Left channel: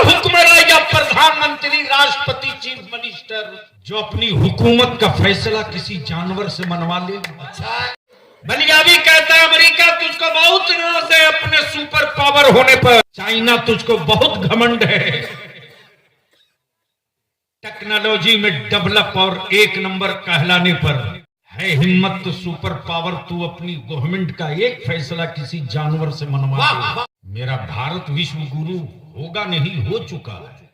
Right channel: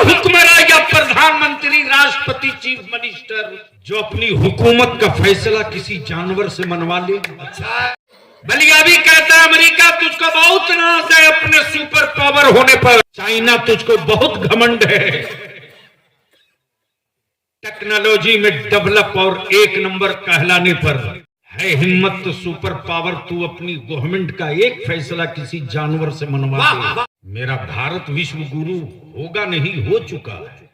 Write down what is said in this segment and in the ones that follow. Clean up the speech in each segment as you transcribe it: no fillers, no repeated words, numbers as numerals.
हुक्मरान या प्रधानमंत्री, राष्ट्रपति, चीफ मिनिस्टर जो अपनी हुकूमत का फैसला किसी जानवर से मनवा ले। बलिया भी कहता है अमेरिका तुझको बहुत नाज है अपने सुपर पावर होने पर, चाइना तुझको बहुत घमंड है टेक्नोलॉजी में डेवलप और एक नंबर कहलाने पर। है हिम्मत तो सुपर पावर तू अपनी गवर्नमेंट का एक फैसला किसी जानवर से मनवा दे। मेरा भारत विश्व गुरु होगा नहीं, हो चुका है,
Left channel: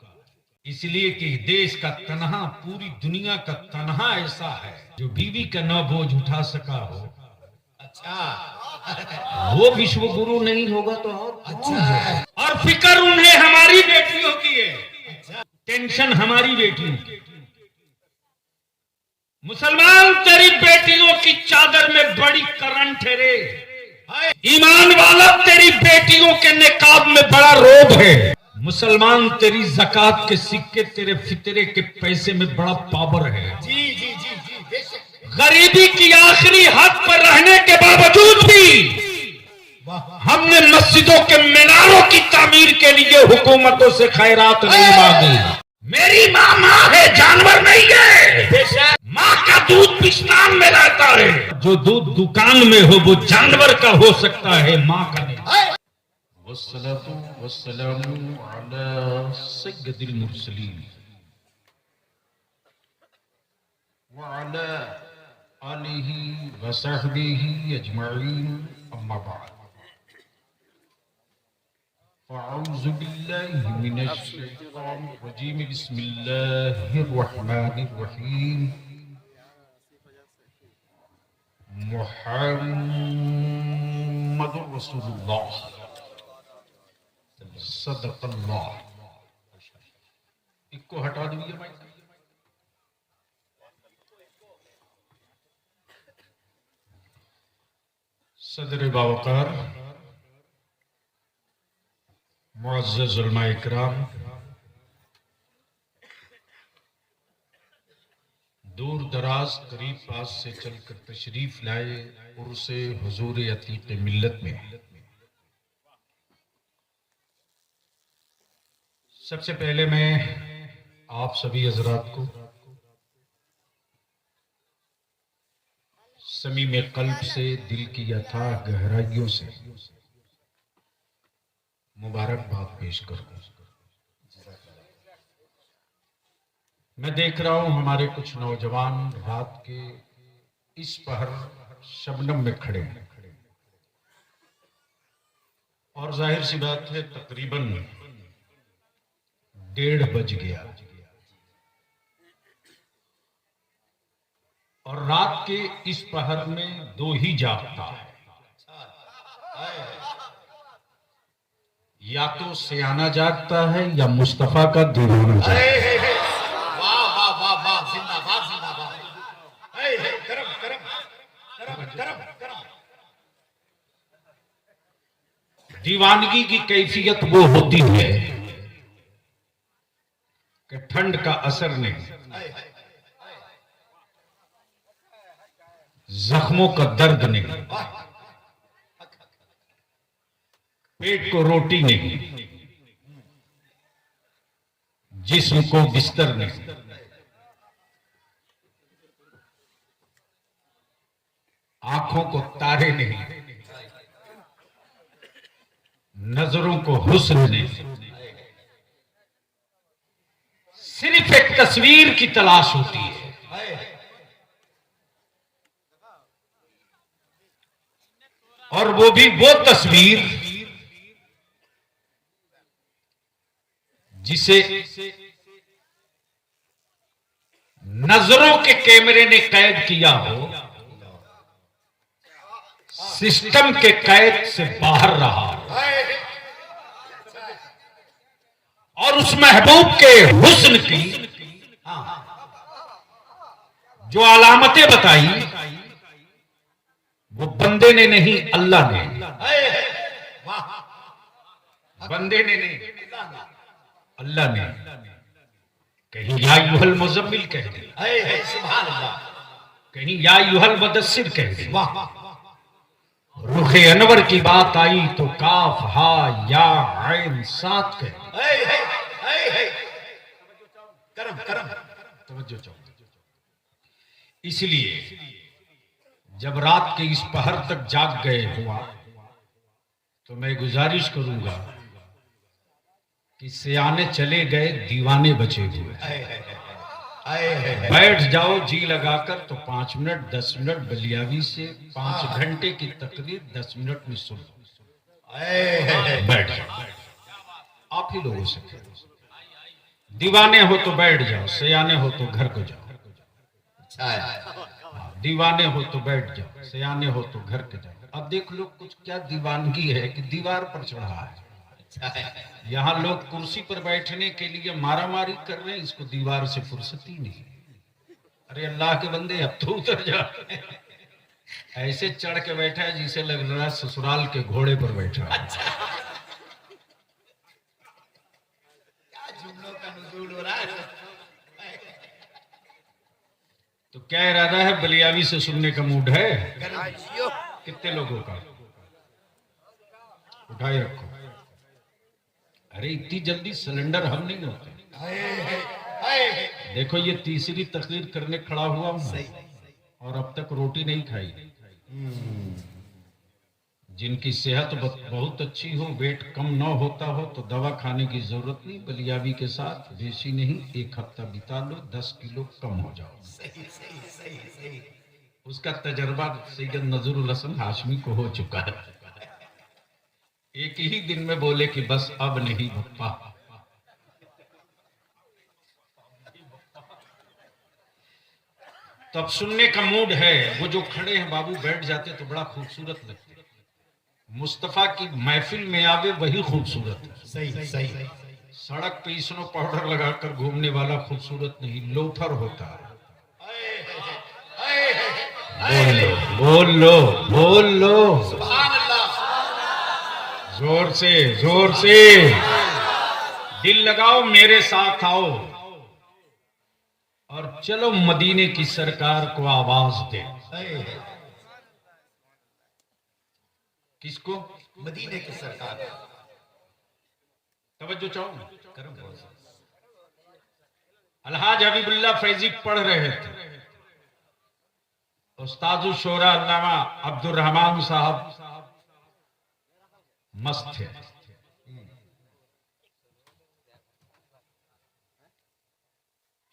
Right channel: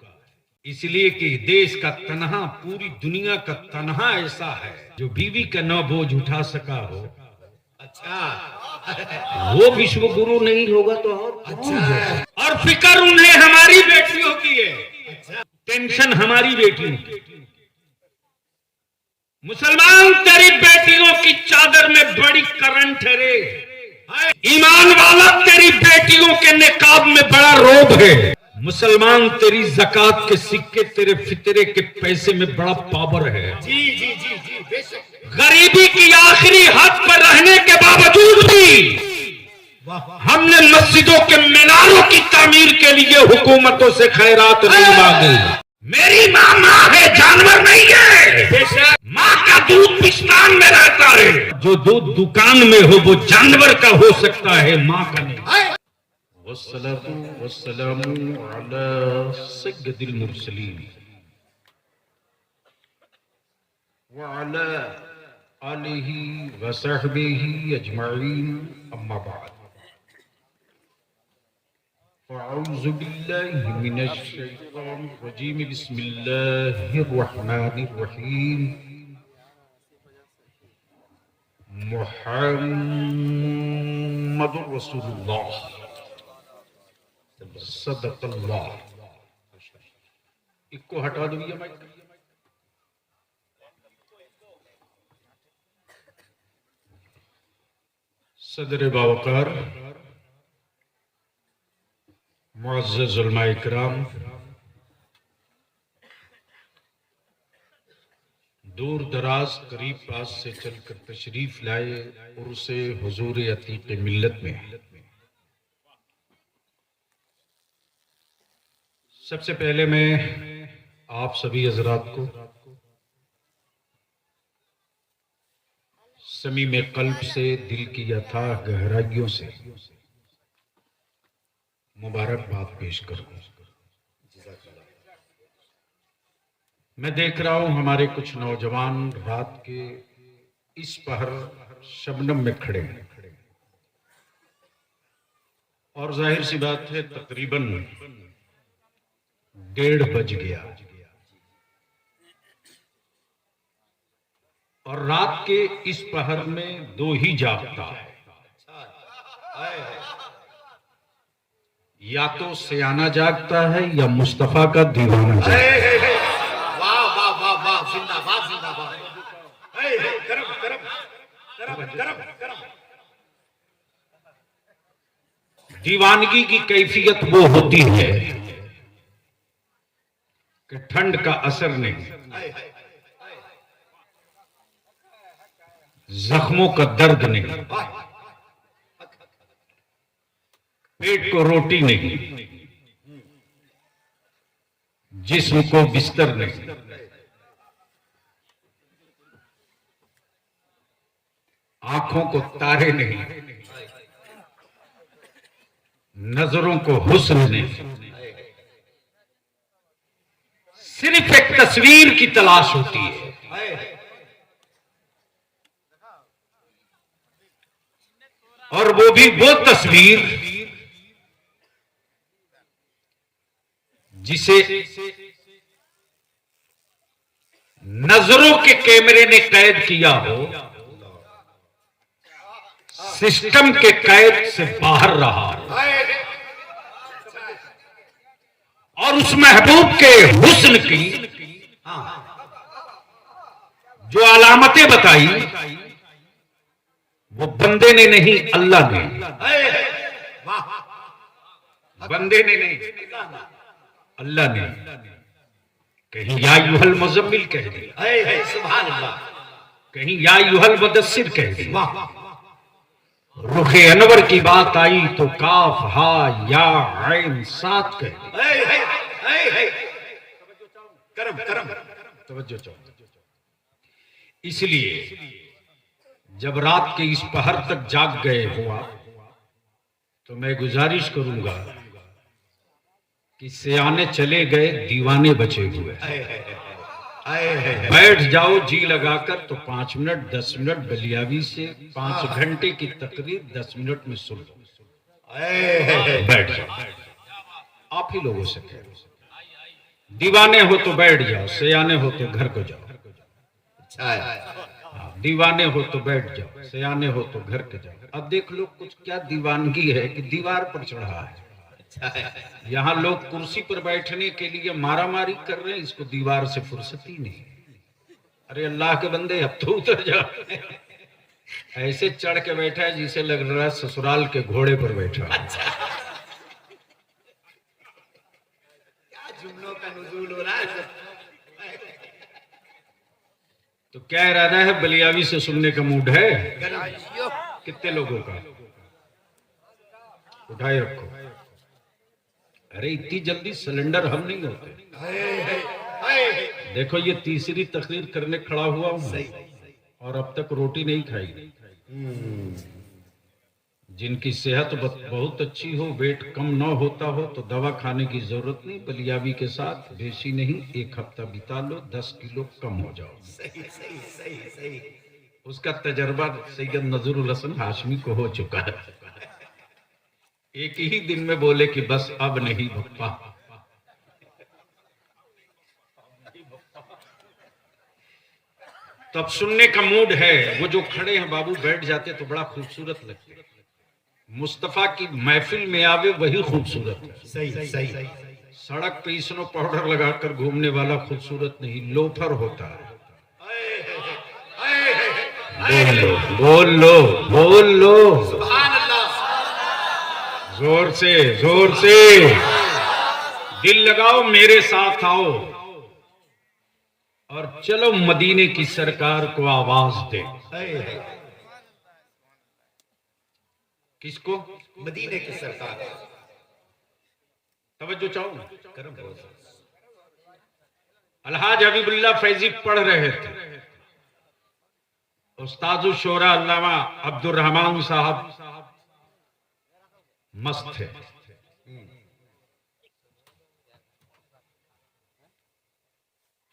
इसलिए कि देश का तनहा, पूरी दुनिया का तनहा ऐसा है जो बीवी का न बोझ उठा सका हो। अच्छा, वो विश्व गुरु नहीं होगा तो और अच्छा। और फिक्र उन्हें हमारी बेटियों की है, टेंशन हमारी बेटियों की। मुसलमान तेरी बेटियों की चादर में बड़ी करंट है रे, ईमान वाला तेरी बेटियों के निकाब में बड़ा रोब है। मुसलमान तेरी ज़कात के सिक्के, तेरे फितरे के पैसे में बड़ा पावर है। जी जी जी जी बेशक। गरीबी की आखिरी हद पर रहने के बावजूद भी हमने मस्जिदों के मीनारों की तामीर के लिए हुकूमतों से खैरात नहीं मांगी। मेरी माँ है, जानवर नहीं है। माँ का दूध पिस्तान में रहता है, जो दूध दुकान में हो वो जानवर का हो सकता है, माँ का नहीं। वस्सलातु वस्सलामु अला सय्यदिल मुरसलीन व अला आलिहि व सहबिहि अजमईन, अम्मा बाद। अऊज़ु बिल्लाहि मिनश शैतानिर रजीम, बिस्मिल्लाहिर रहमानिर रहीम। मुहम्मदुर रसूलुल्लाह सदक़ल्लाह। इसको हटवा दो भैया माइक। सदर बावकार, मुअज़्ज़ज़ उलमा इकराम, दूर दराज करीब पास से चलकर तशरीफ लाए उर्से हुजूर अतीक मिल्लत में। सबसे पहले मैं आप सभी हजरात को समीम कल्ब से, दिल की अथाह गहराइयों से मुबारकबाद पेश करूं। मैं देख रहा हूं हमारे कुछ नौजवान रात के इस पहर शबनम में खड़े हैं और जाहिर सी बात है तकरीबन 1:30 बज गया और रात के इस पहर में दो ही जागता है, या तो सयाना जागता है या मुस्तफा का दीवाना जागता है। दीवानगी की कैफियत वो होती है कि ठंड का असर नहीं, जख्मों का दर्द नहीं, पेट को रोटी नहीं, जिस्म को बिस्तर नहीं, आंखों को तारे नहीं, नजरों को हुस्न नहीं, सिर्फ एक तस्वीर की तलाश होती है। और वो भी वो तस्वीर जिसे नजरों के कैमरे ने कैद किया हो, सिस्टम के कैद से बाहर रहा और उस महबूब के हुस्न की जो अलामतें बताई वो बंदे ने नहीं, अल्लाह ने। बंदे ने नहीं, अल्लाह ने। कहीं या युहल मुज़म्मिल कह दिया, सुभान अल्लाह, कहीं या युहल मुदस्सिर कह दिया। रुखे अनवर की बात आई तो काफ हा या ऐन साथ कह दिया। करम करम तवज्जो चाहो। इसलिए जब रात के इस पहर तक जाग गए हो आप, तो मैं गुजारिश करूंगा कि सियाने चले गए, दीवाने बचे हुए। बैठ जाओ जी लगाकर, तो 5 मिनट 10 मिनट बलियावी से 5 घंटे की तकरीर 10 मिनट में सुन लो। बैठ जाओ, आप ही लोगों से कहो। दीवाने हो तो बैठ जाओ, सियाने हो तो घर को जाओ। दीवाने हो तो बैठ जाओ, सियाने हो तो घर के जाओ। अब देख लो कुछ क्या दीवानगी है कि दीवार पर चढ़ा है। यहाँ लोग कुर्सी पर बैठने के लिए मारामारी कर रहे हैं, इसको दीवार से फुर्सत ही नहीं। अरे अल्लाह के बंदे, अब तो उतर जा। ऐसे चढ़ के बैठा है जिसे लग रहा है ससुराल के घोड़े पर बैठा है। क्या जुमलों का नुज़ूल हो रहा है। तो क्या इरादा है, बलियावी से सुनने का मूड है? कितने लोगों का? उठाए रखो। अरे इतनी जल्दी सिलेंडर हम नहीं होते। देखो ये तीसरी तकरीर करने खड़ा हुआ हूं और अब तक रोटी नहीं खाई। जिनकी सेहत बहुत अच्छी हो, वेट कम ना होता हो, तो दवा खाने की जरूरत नहीं। बलियावी के साथ बेसी नहीं, 1 हफ्ता बिता लो, 10 किलो कम हो जाओ। सही। उसका तजर्बा सैयद नजरुल हसन हाशमी को हो चुका है। एक ही दिन में बोले कि बस अब नहीं बप्पा। तब सुनने का मूड है। वो जो खड़े हैं बाबू, बैठ जाते तो बड़ा खूबसूरत लगते। मुस्तफा की महफिल में आवे वही खूबसूरत है। सही। सड़क पे स्नो पाउडर लगाकर घूमने वाला खूबसूरत नहीं, लोफर होता है। बोल लो जोर से दिल लगाओ, मेरे साथ आओ और चलो मदीने की सरकार को आवाज दे। किसको? मदीने की सरकार। तवज्जो चाहो। अलहाज हबीबुल्लाह फैजी पढ़ रहे थे। उस्तादुल शोरा अल्लामा अब्दुर्रहमान साहब मस्त थे।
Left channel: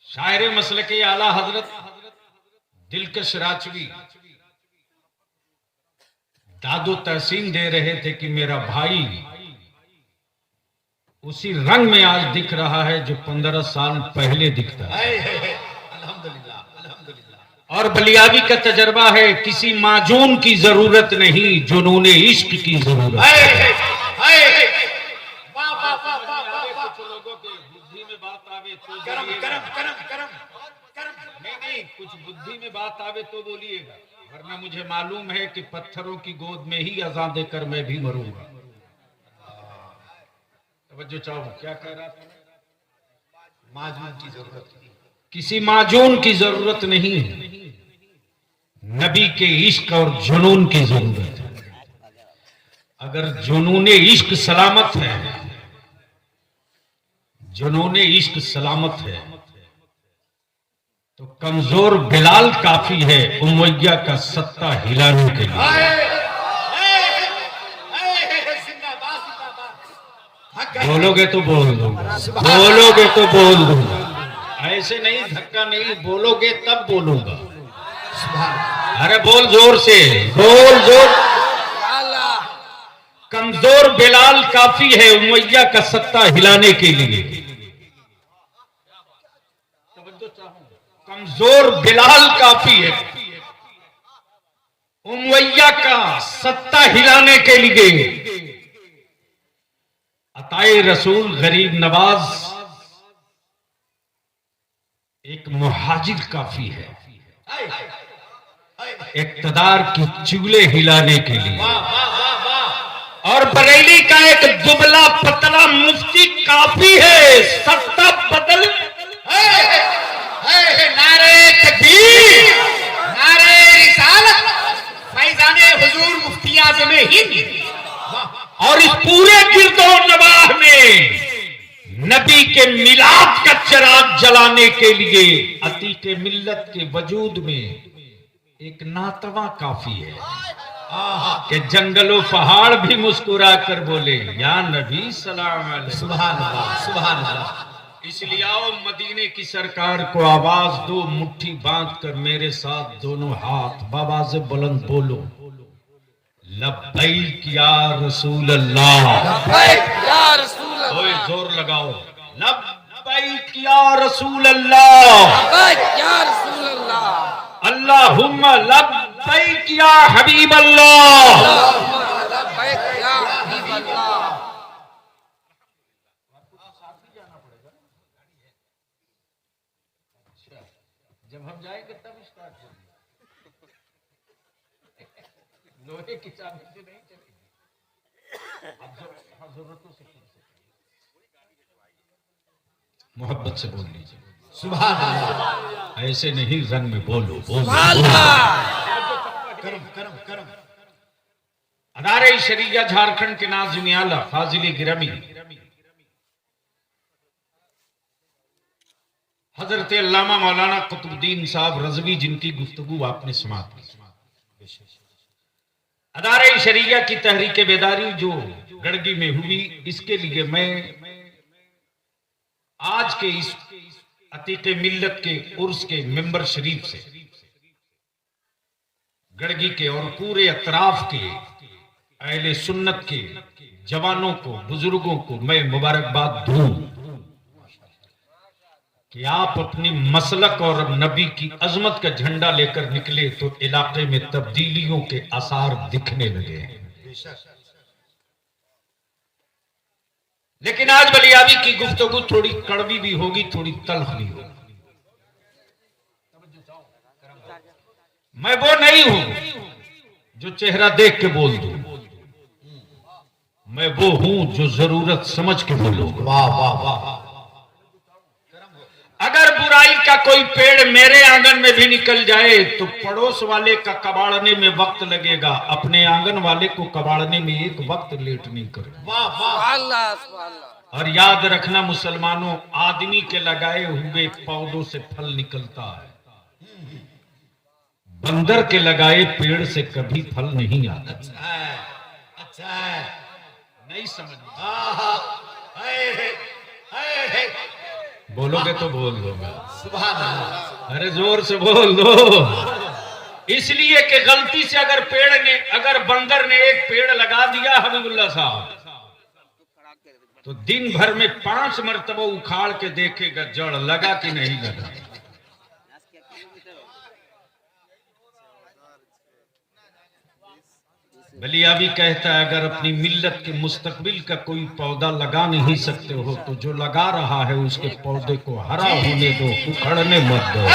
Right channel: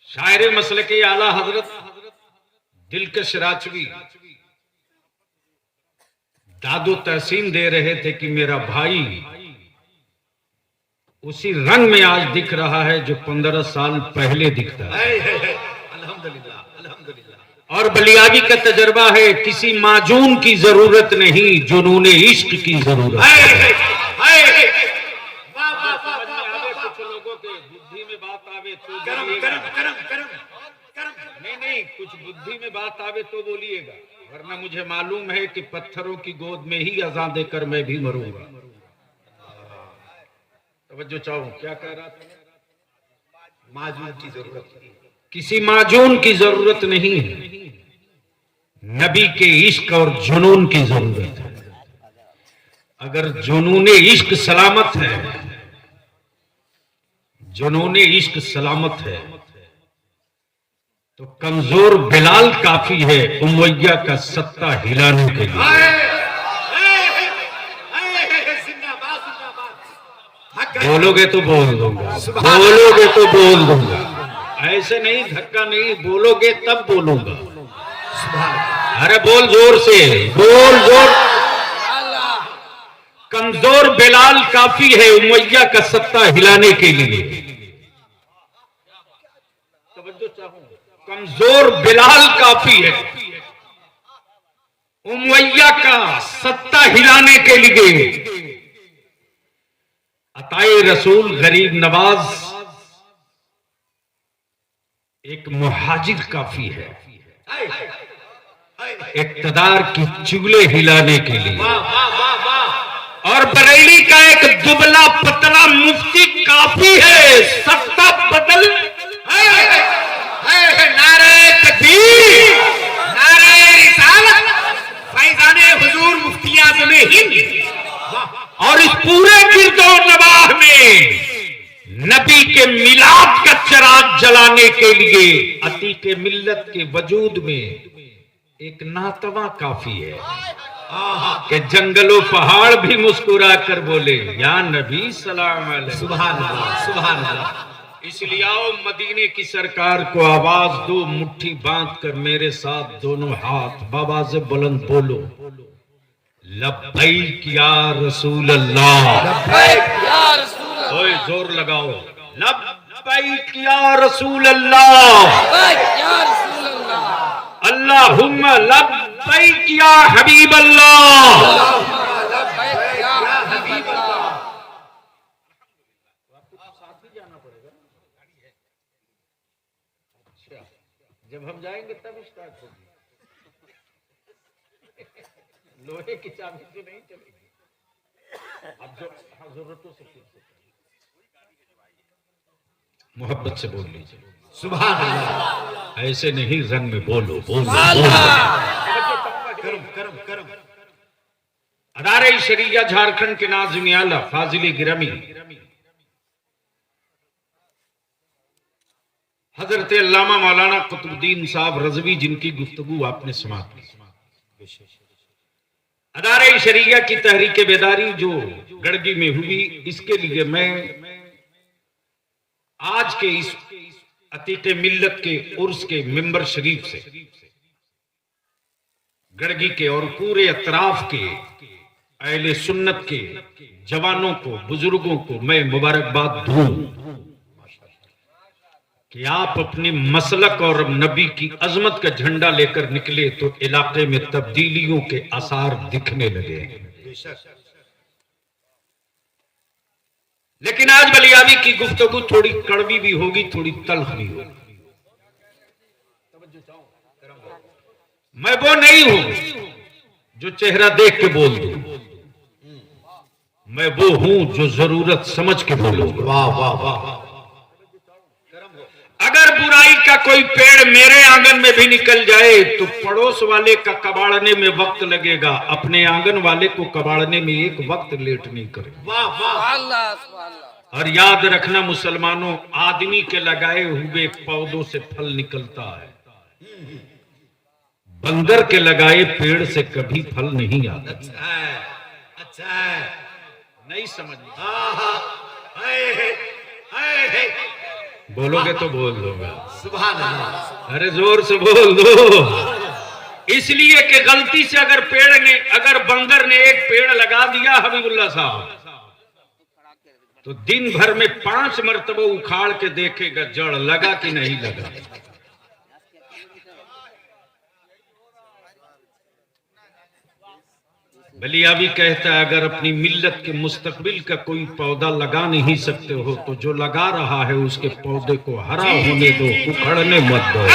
शायर मसलक आला हजरत दिलकश राचवी दादो तहसीन दे रहे थे कि मेरा भाई उसी रंग में आज दिख रहा है जो 15 साल पहले दिखता है। अल्हम्दुलिल्लाह। और बलियावी का तजर्बा है, किसी माजून की जरूरत नहीं, जुनून इश्क की जरूरत है। कुछ लोगों के बुद्धि में बात आवे तो नहीं, कुछ बुद्धि में बात आवे तो बोलिएगा, वरना मुझे मालूम है कि पत्थरों की गोद में ही अज़ान देकर मैं भी मरूंगा। तवज्जो चाहो, क्या कह रहा था? माजून की जरूरत, किसी माजून की जरूरत नहीं है, नबी के इश्क और जुनून की जरूरत है। अगर जुनून इश्क सलामत है, जुनून इश्क सलामत है, तो कमजोर बिलाल काफी है उमैया का सत्ता हिलाने के लिए। बोलोगे तो बोल दूंगा, बोलोगे तो बोल दूंगा, ऐसे नहीं, धक्का नहीं, बोलोगे तब बोलूंगा। अरे बोल जोर से, बोल जोर। कमजोर बिलाल काफी है उमैया का सत्ता हिलाने के लिए। कमजोर बिलाल काफी है उमैया का सत्ता हिलाने के लिए। अताए रसूल गरीब नवाज एक मुहाजिर काफी है इक्तदार की चुगले हिलाने के लिए। और बरेली का एक दुबला पतला मुफ्ती काफी है सत्ता बदल। नारे तकबीर, नारे रिसालत, फैजाने हुजूर मुफ्ती आज़म हिंद। और इस पूरे गिरदो नवाह में नबी के मिलाद का चिराग जलाने के लिए अतीके मिल्लत के वजूद में एक नातवा काफी है कि जंगलों पहाड़ भी मुस्कुरा कर बोले या नबी सलाम अलैकुम। सुभान अल्लाह, सुभान अल्लाह। इसलिए आओ मदीने की सरकार को आवाज दो, मुट्ठी बांध कर मेरे साथ दोनों हाथ बाबाज़ बुलंद बोलो, लब्बैक या रसूल अल्लाह। लब्बैक या रसूल अल्लाह। ओए जोर लगाओ, लब्बैक या रसूल अल्लाह। लब्बैक या रसूल अल्लाह। अल्लाहुम्मा लब्बैक या हबीब अल्लाह। अल्लाहुम्मा लब्बैक या हबीब अल्लाह। जब हम जाएंगे तब स्टार्ट होगी, लोहे की चाबी से नहीं चलेगी। अब जरूरतों से पूछ सकते, मोहब्बत से बोल लीजिए सुभान अल्लाह। ऐसे नहीं, रंग में बोलो बोलो, करम करम करम। अदारे शरिया झारखंड के नाज़िम आला फाजिल गिरामी हजरत अल्लामा मौलाना कुतुबुद्दीन साहब रज़वी, जिनकी गुफ्तगू आपने समाप्त की। अदारे शरिया की तहरीक बेदारी जो गड़गी में हुई, इसके लिए मैं आज के इस अतीके मिल्लत के उर्स के मिंबर शरीफ से गड़गी के और पूरे अतराफ के अहले सुन्नत के जवानों को, बुजुर्गों को मैं मुबारकबाद दूं कि आप अपनी मसलक और नबी की अजमत का झंडा लेकर निकले तो इलाके में तब्दीलियों के आसार दिखने लगे। लेकिन आज बलियाबी की गुफ्तगू थोड़ी कड़वी भी होगी, थोड़ी तल्ख भी होगी। मैं वो नहीं हूं जो चेहरा देख के बोल दूं, मैं वो हूं जो जरूरत समझ के बोलूं। वाह वाह वाह। अगर बुराई का कोई पेड़ मेरे आंगन में भी निकल जाए तो पड़ोस वाले का कबाड़ने में वक्त लगेगा, अपने आंगन वाले को कबाड़ने में एक वक्त लेट नहीं करेगा। वाह वाह। सुभान अल्लाह, सुभान अल्लाह। और याद रखना मुसलमानों, आदमी के लगाए हुए पौधों से फल निकलता है, बंदर के लगाए पेड़ से कभी फल नहीं आता। अच्छा है। नहीं समझ में? हाय। बोलोगे तो बोल दोगे। सुभान अल्लाह। अरे जोर से बोल दो। इसलिए कि गलती से अगर बंदर ने एक पेड़ लगा दिया हबीबुल्लाह साहब, तो दिन भर में 5 मरतबा उखाड़ के देखेगा जड़ लगा कि नहीं लगा। बलियाबी कहता है अगर अपनी मिल्लत के मुस्तकबिल का कोई पौधा लगा नहीं सकते हो तो जो लगा रहा है उसके पौधे को हरा होने दो, उखड़ने मत दो।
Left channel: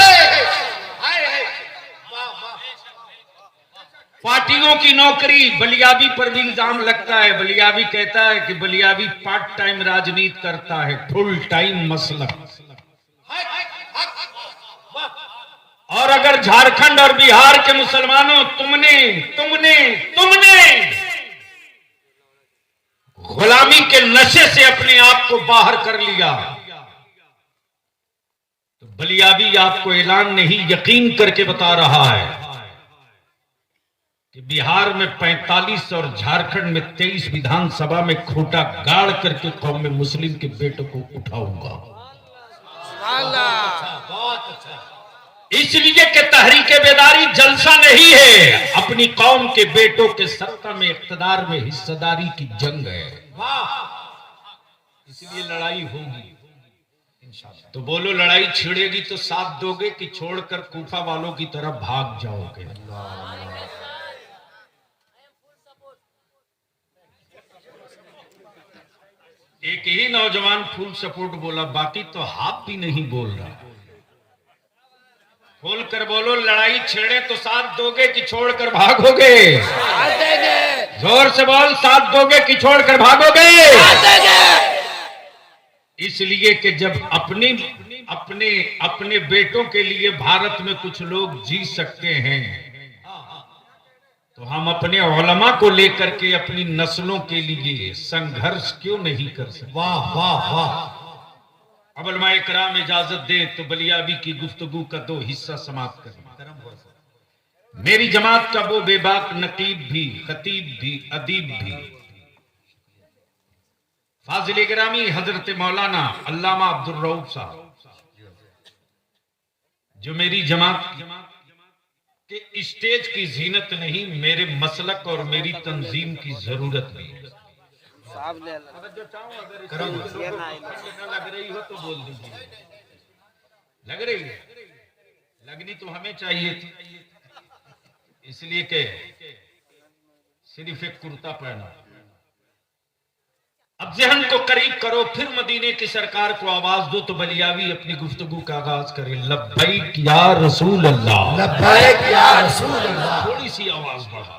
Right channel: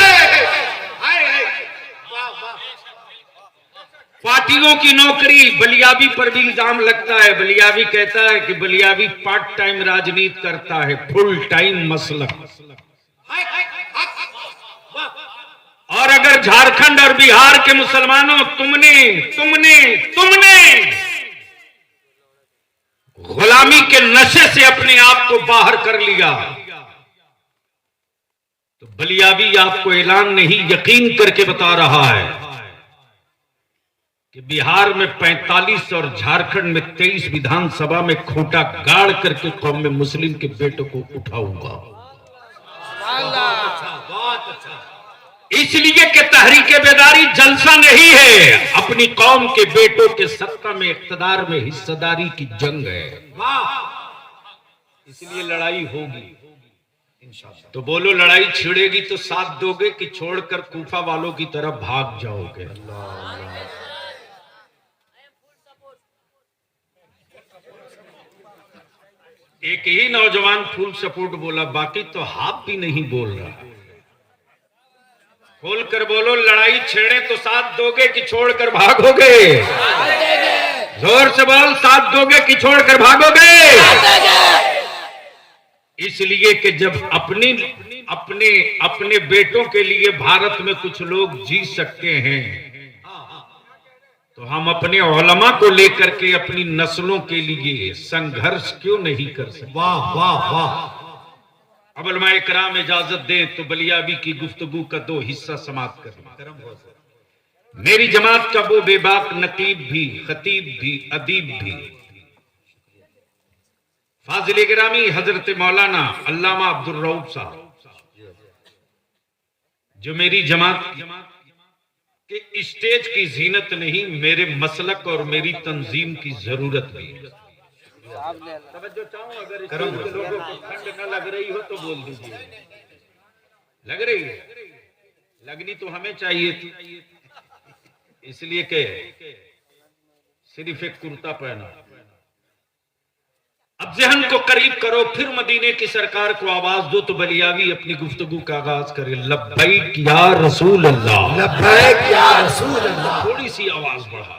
पार्टियों की नौकरी बलियाबी पर भी इल्जाम लगता है। बलियाबी कहता है कि बलियाबी पार्ट टाइम राजनीति करता है, फुल टाइम मसलक। और अगर झारखंड और बिहार के मुसलमानों तुमने गुलामी के नशे से अपने आप को बाहर कर लिया तो बलियाबी आपको ऐलान नहीं यकीन करके बता रहा है कि बिहार में 45 और झारखंड में 23 विधानसभा में खूंटा गाड़ करके कौम में मुस्लिम के बेटों को उठाऊंगा। सुभान अल्लाह। बहुत अच्छा। इसलिए कि तहरीके बेदारी जलसा नहीं है, अपनी कौम के बेटों के सत्ता में इख्तिदार में हिस्सेदारी की जंग है। वाह। इसलिए लड़ाई होगी इंशाअल्लाह। तो बोलो लड़ाई छिड़ेगी तो साथ दोगे कि छोड़कर कूफा वालों की तरफ भाग जाओगे? एक ही नौजवान फुल सपोर्ट बोला, बाकी तो हाफ भी नहीं बोल रहा। खोल कर बोलो लड़ाई छेड़े तो साथ दोगे कि छोड़कर भागोगे? जोर से बोल, साथ दोगे कि छोड़कर भागोगे? इसलिए कि जब अपने बेटों के लिए भारत में कुछ लोग जी सकते हैं तो हम अपने उलमा को लेकर के अपनी नस्लों के लिए संघर्ष क्यों नहीं कर सकते? वाह वाह वाह। अब उलमा इकराम इजाजत दें तो बलियाबी की गुफ्तगू का 2 हिस्सा समाप्त कर। मेरी जमात का वो बेबाक नकीब भी, खतीब भी, अदीब भी, फाजिल गिरामी हजरत मौलाना अल्लामा अब्दुल रऊफ साहब, जो मेरी जमात के स्टेज की जीनत नहीं, मेरे मसलक और मेरी तंजीम की जरूरत भी है। तवज्जो चाहूं, अगर इस लोगों को ठंड न लग रही हो तो बोल दीजिए। लग रही है? लगनी तो हमें चाहिए थी, इसलिए कि सिर्फ एक कुर्ता पहना। अब जहन को करीब करो, फिर मदीने की सरकार को आवाज दो तो बलियावी अपनी गुफ्तगू का आगाज करे। लब्बैक या रसूल अल्लाह, लब्बैक या रसूल अल्लाह। थोड़ी सी आवाज बढ़ा,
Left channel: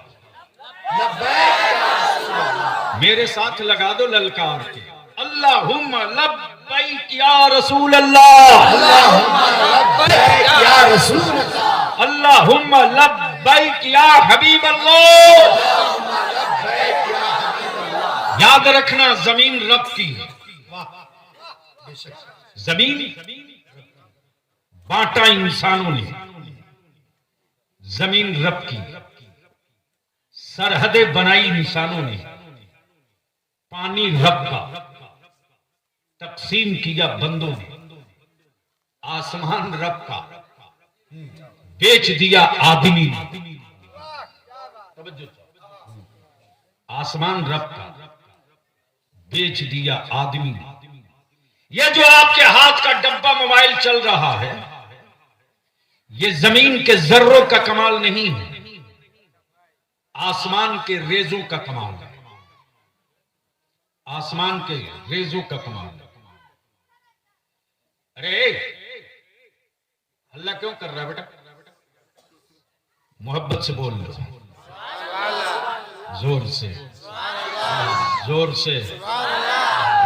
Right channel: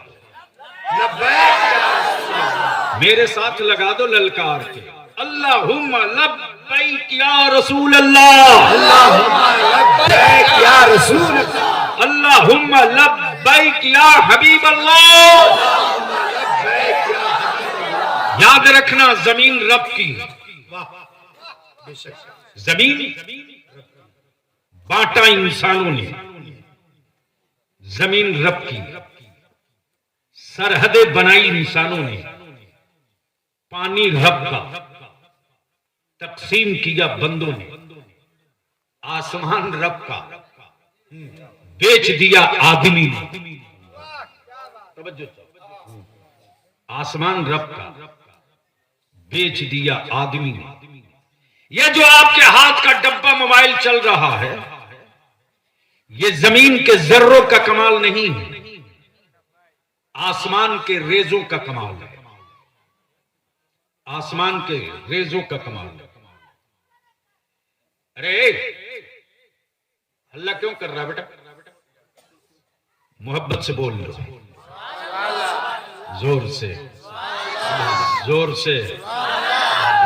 लब्बैक या रसूल अल्लाह। मेरे साथ लगा दो ललकार के, अल्लाहुम्मा लब्बैक या रसूल अल्लाह, अल्लाहुम्मा लब्बैक या रसूल अल्लाह, अल्लाहुम्मा लब्बैक या हबीब अल्लाह। अल्लाहुम्मा लब्बैक या हबीब अल्लाह। याद रखना, जमीन रब की, जमीन बांटा इंसानों ने, जमीन रब की, सरहदें बनाई इंसानों ने, पानी रब का, तकसीम किया बंदों ने, आसमान रब का, बेच दिया आदमी ने। आसमान रब का, बेच दिया आदमी ने। यह जो आपके हाथ का डब्बा मोबाइल चल रहा है, यह जमीन के जर्रों का कमाल नहीं है, आसमान के रेजों का कमाल है। आसमान के रेजों का कमाल है। अरे हल्ला क्यों कर रहा है बेटा? मोहब्बत से बोल लो, जोर से, जोर से,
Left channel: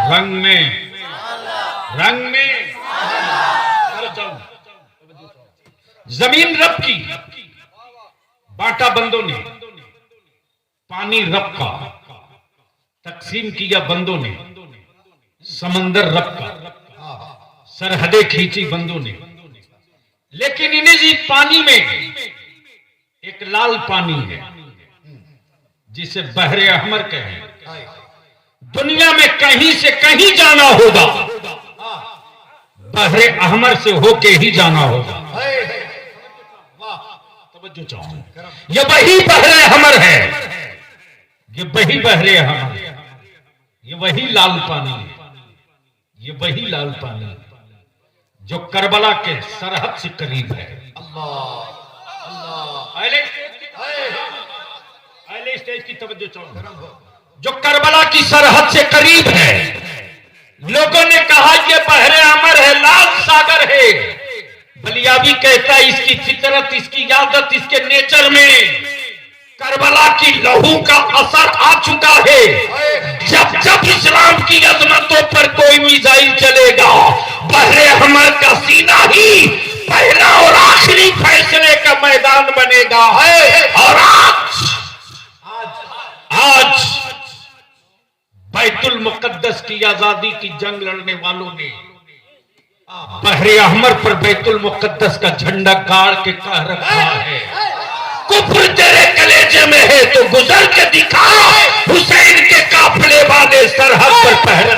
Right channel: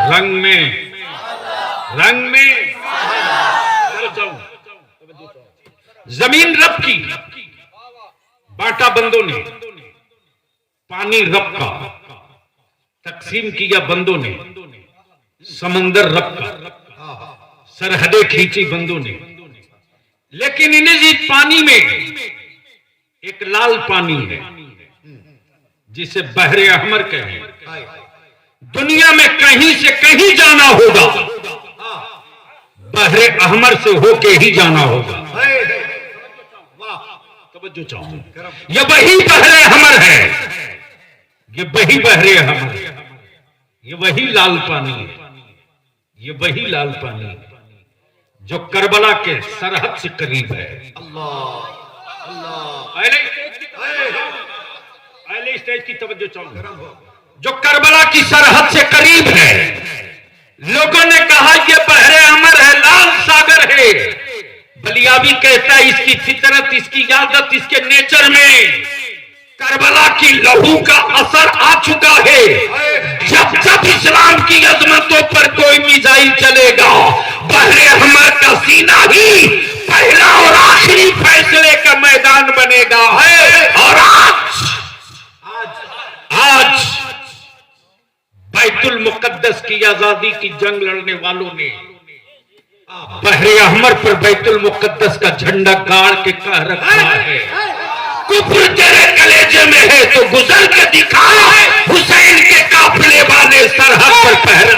रंग में, रंग में कर जाऊं। जमीन रब की, बांटा बंदों ने, पानी रब का, तकसीम किया बंदों ने, समंदर रब का, सरहदें खींची बंदों ने। लेकिन इन्हें जी पानी में एक लाल पानी है जिसे बहरे अहमर कहें। दुनिया में कहीं से कहीं जाना होगा, बहरे अहमर से होके ही जाना होगा। तवज्जो चाहूं, ये वही बहरे अहमर है, ये वही बहरे अहमर है, ये वही लाल पानी है, ये वही लाल पानी है जो करबला के सरहद से करीब है। अहले स्टेज की तवज्जो चाहूं, जो करबला की सरहद से करीब है। लोगों ने कहा यह बहरे अमर है, लाल सागर है। बलियाबी कहता है इसकी फितरत, इसकी आदत, इसके नेचर में करबला की लहू का असर आ चुका है। जब जब इस्लाम की अजमतों पर कोई मिसाइल चलेगा, बहरे अहमर का सीना ही पहला और आखिरी फैसले का मैदान बनेगा है। और आज बैतुल मुकद्दस की आजादी की जंग लड़ने वालों ने बहरे अहमर पर बैतुल मुकद्दस का झंडा गाड़ के कह रखा है, कुफ्र तेरे कलेजे में है तो गुजर के दिखा, हुसैन के काफिले वाले सरहद पर पहरा।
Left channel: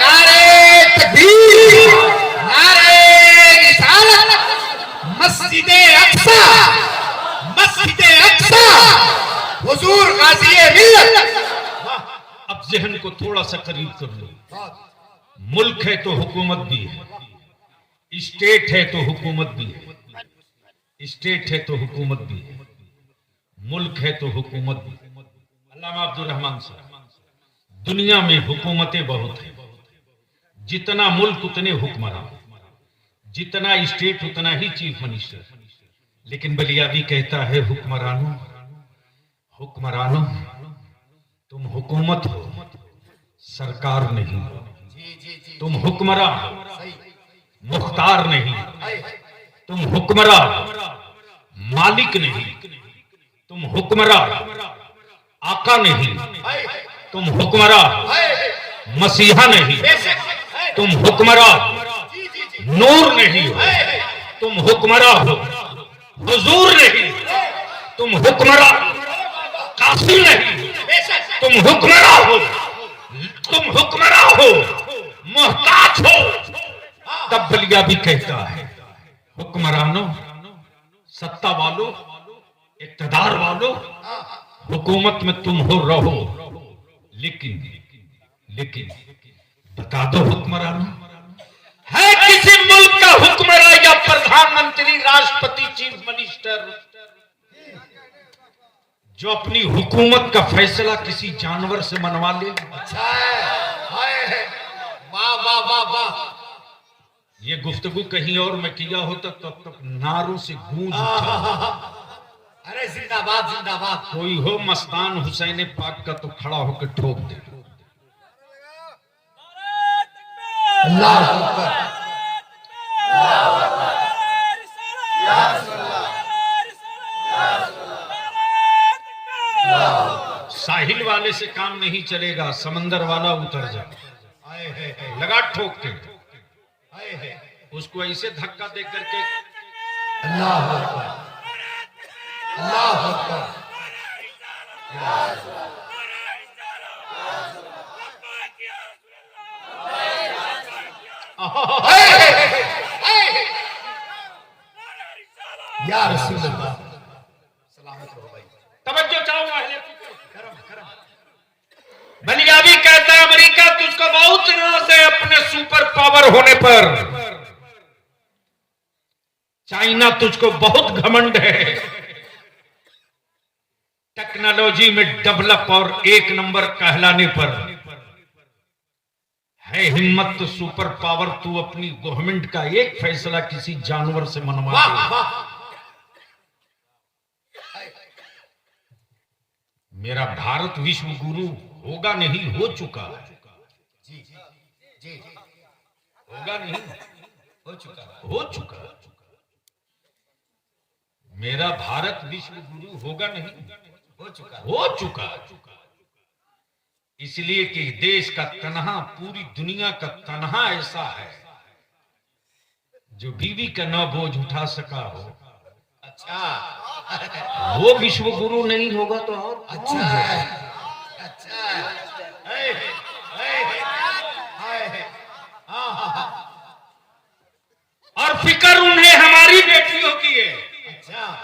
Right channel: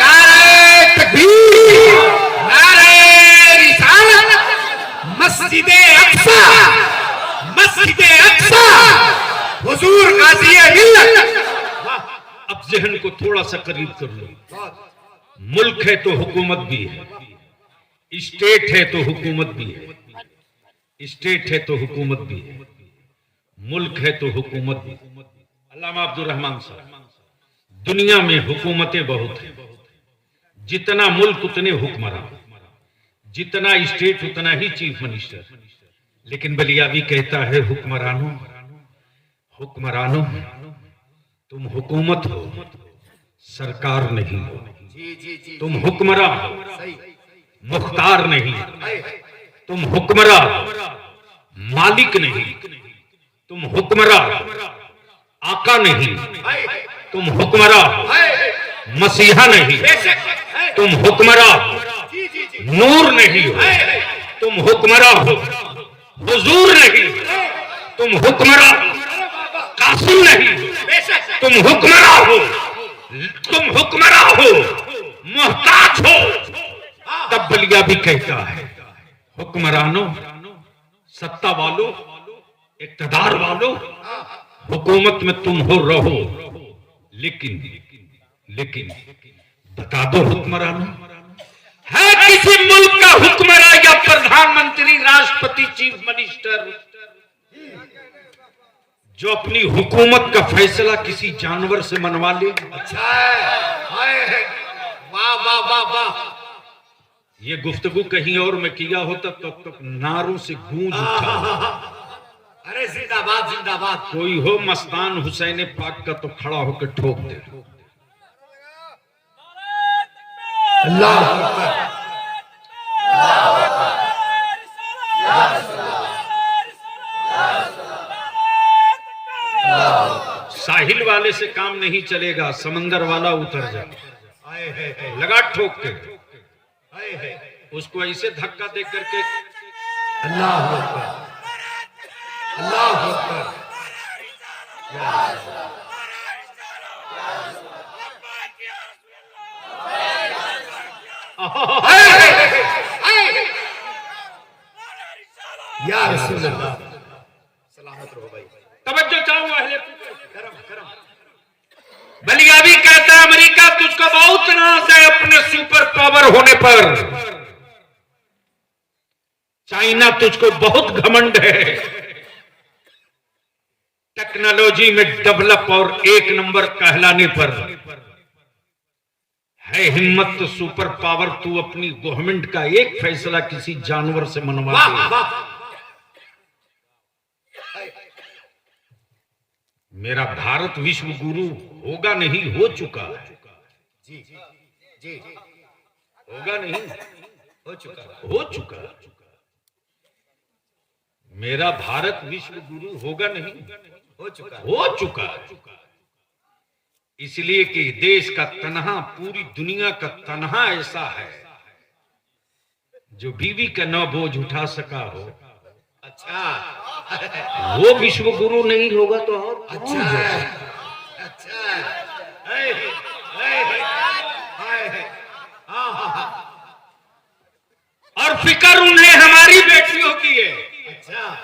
नारे तकबीर, नारे रिसालत, मस्जिदे अक्सा, मस्जिदे अक्सा, हुजूर गाज़ी मिल्लत। अब जहन को थोड़ा सा करीब कर लो। मुल्क है तो हुकूमत भी है, स्टेट है तो हुकूमत भी है, स्टेट है तो हुकूमत भी है, मुल्क है तो हुकूमत भी। अल्लामा अब्दुल रहमान साहब, दुनिया में हुकूमतें बहुत हैं, जितना मुल्क उतने हुक्मरान, जितना स्टेट उतना ही चीफ मिनिस्टर। लेकिन बलियावी कहता है हुक्मरानों, हुक्मरानों तुम हुकूमत हो, सरकार नहीं हो। तुम हुक्मरान हो, मुख्तार नहीं। तुम हुक्मरान, मालिक नहीं। तुम हुक्मरान, आका नहीं। तुम हुक्मरान, मसीहा नहीं। तुम हुक्मरां जी जी जी नूर नहीं हो, तुम हुक्मरां हो हुजूर नहीं, तुम हुक्मरां कासिम नहीं, बेशक तुम हुक्मरां हो, तुम हुक्मरां हो मोहताज हो। तब बलिया भी कहता है हुक्मरानों, सत्ता वालों, इक़्तिदार वालों, हुकूमत में तुम हो रहो, लेकिन लेकिन बता दो हुक्मरानों, है किसी मुल्क का हुक्मरान या प्रधानमंत्री, राष्ट्रपति, चीफ मिनिस्टर जो अपनी हुकूमत का फैसला किसी जानवर से मनवा ले? अच्छा है, हाय, वाह वाह वाह वाह। ये गुफ्तगू कहीं और में किया होता तब तक नारों से गूंज उठा। अरे जिंदाबाद जिंदाबाद। कोई हो मस्तान हुसैन पाक का तो खड़ा होकर ठोक दे। अल्लाह अकबर। साहिल वाले से काम नहीं चलेगा, समंदर वाला उतर जा। हाय हाय हाय लगा ठोक के हाय हाय। उसको ऐसे धक्का दे करके अल्लाह अकबर अल्लाह अकबर। या रसूल अल्लाह। सलामत रहो भाई। तवज्जो चाहो अहले करम करम। बलिया भी कहता है अमेरिका तुझको बहुत नाज है अपने सुपर पावर होने पर, चाइना तुझको बहुत घमंड है टेक्नोलॉजी में डेवलप और एक नंबर कहलाने पर, है हिम्मत तो सुपर पावर तू अपनी गवर्नमेंट का एक फैसला किसी जानवर से मनवा दे। मेरा भारत विश्व गुरु होगा नहीं, हो चुका है। जी जी होगा नहीं, हो चुका है। हो चुका है। मेरा भारत विश्व गुरु होगा नहीं, हो चुका है। हो चुका है। इसलिए कि देश का तनहा, पूरी दुनिया का तनहा ऐसा है जो बीवी का न बोझ उठा सका हो, अच्छा वो विश्व गुरु नहीं होगा तो और कौन अच्छा होगा? अच्छा। हाय हाय हाय हाय। हाँ हाँ हाँ। और फिक्र उन्हें हमारी बेटियों की है, अच्छा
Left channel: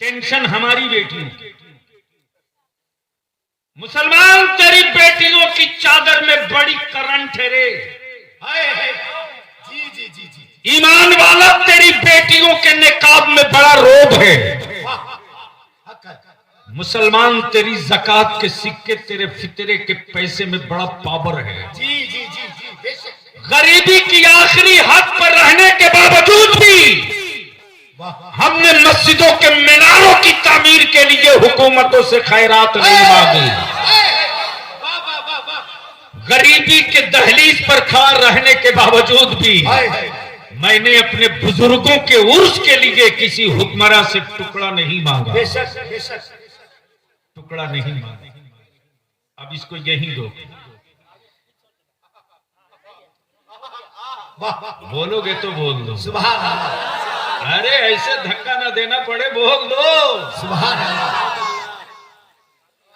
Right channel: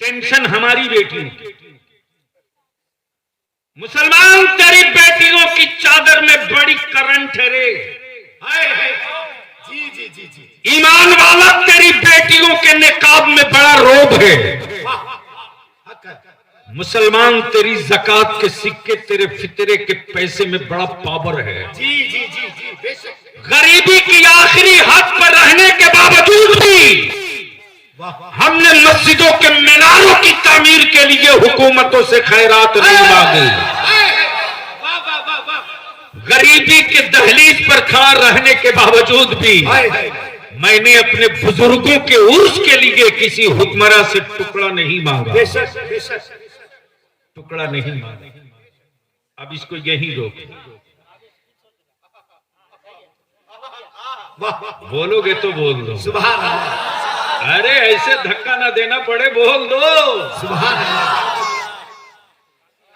टेंशन हमारी बेटियों की। मुसलमान तेरी बेटियों की चादर में बड़ी करंट है रे। हाय हाय। जी जी जी जी। ईमान वाला तेरी बेटियों के निकाब में बड़ा रोब है। हक है। मुसलमान तेरी ज़कात के सिक्के, तेरे फितरे के पैसे में बड़ा पावर है। जी जी जी जी बेशक। गरीबी की आखिरी हद पर रहने के बावजूद भी वाह हमने मस्जिदों के मीनारों की तामीर के लिए हुकूमतों से खैरात नहीं मांगी। वाह वाह वाह वाह। गरीबी के दहलीज पर खड़ा रहने के बावजूद भी हाय हाय। मैंने अपने बुजुर्गों के उर्स के लिए किसी हुक्मरां से टुकड़ा नहीं मांगा, बेशक बेशक। टुकड़ा नहीं मांगा। अब इसको यही रोक। वाह वाह। बोलोगे तो बोल दो। सुभान अल्लाह अरे ऐसे धक्का ना देना पड़े, बोल दो। सुभान अल्लाह।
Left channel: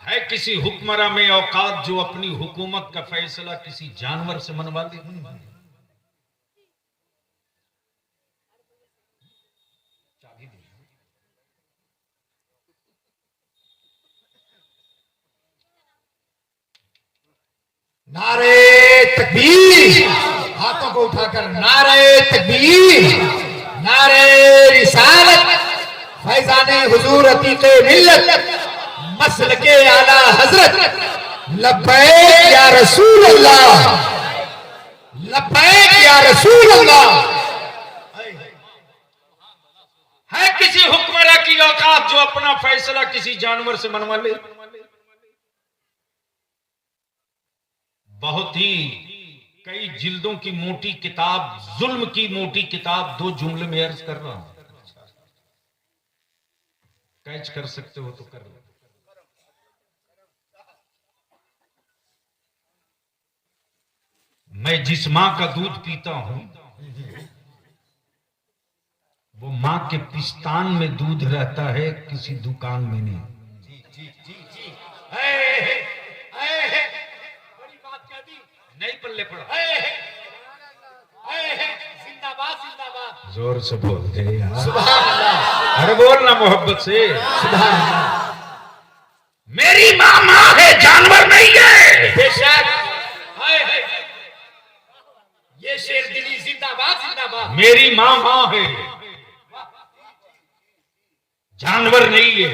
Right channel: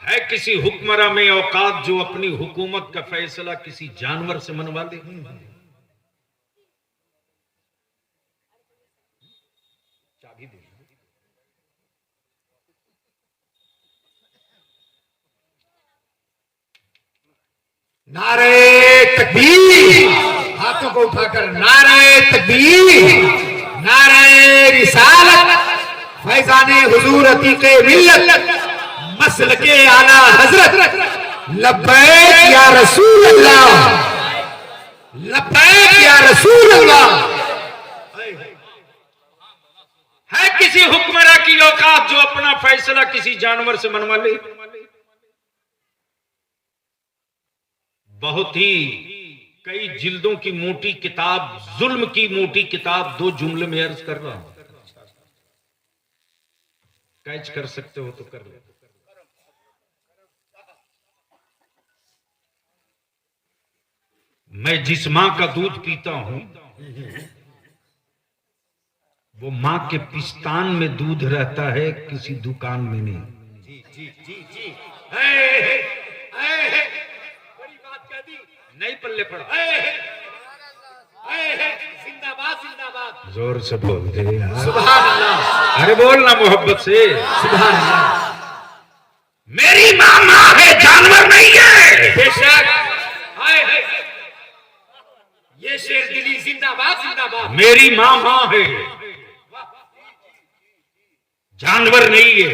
है किसी हुक्मरां में औकात जो अपनी हुकूमत का फैसला किसी जानवर से मनवा दे? चाबी दे। नारे तकबीर। हाथों को उठाकर नारे तकबीर, नारे रिसालत, फैजाने हुजूर अतीके मिल्लत, मसलके आला हजरत, लब्बैक या रसूल अल्लाह, लब्बैक या रसूल अल्लाह। है किसी हुक्मरां की औकात जो अपना फैसला किसी जानवर से मनवा ले? बहुत ही कई जिल्दों की मोटी किताब, जुल्म की मोटी किताब, दो जुमले में अर्ज कर रहा हूं। कैच कर सकते हो तो कर लो। मैं जिस माँ का दूध पीता हूं वो माँ के पिस्तान में दूध रहता है, किसी दुकान में नहीं। जी जी जी जी। बड़ी बात कह दी, नहीं पल्ले पड़ा। जिंदाबाद जिंदाबाद। जोर से बोल दे यार। सुभान अल्लाह। अरे बोलना मोहब्बत से। सुभान अल्लाह। मेरी माँ माँ है, जानवर नहीं है। बेशक। ये शेर दिली जिंदाबाद जिंदाबाद। मेरी माँ माँ है, जानवर नहीं है।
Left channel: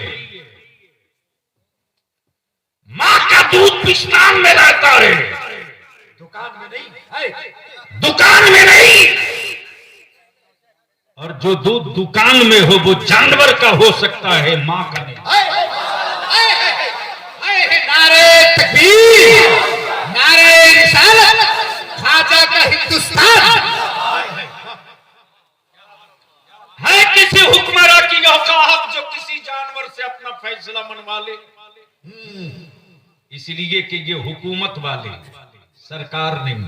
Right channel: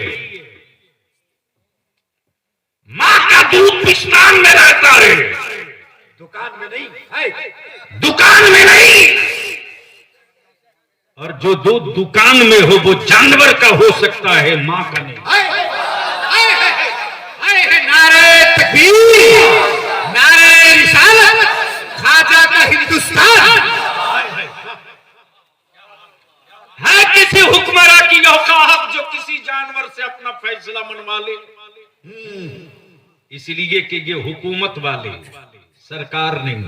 माँ का दूध पिस्तान में रहता है, दुकान में नहीं है। दुकान में नहीं। और जो दूध दुकान में हो वो जानवर का हो सकता है, माँ का नहीं। नारे तकबीर, नारे रिसालत, खाजा का हिंदुस्तान। है किसी हुक्मरान की औकात जो किसी जानवर से अपना फैसला मनवा ले? इसलिए कि ये हुकूमत वाले, सरकार नहीं।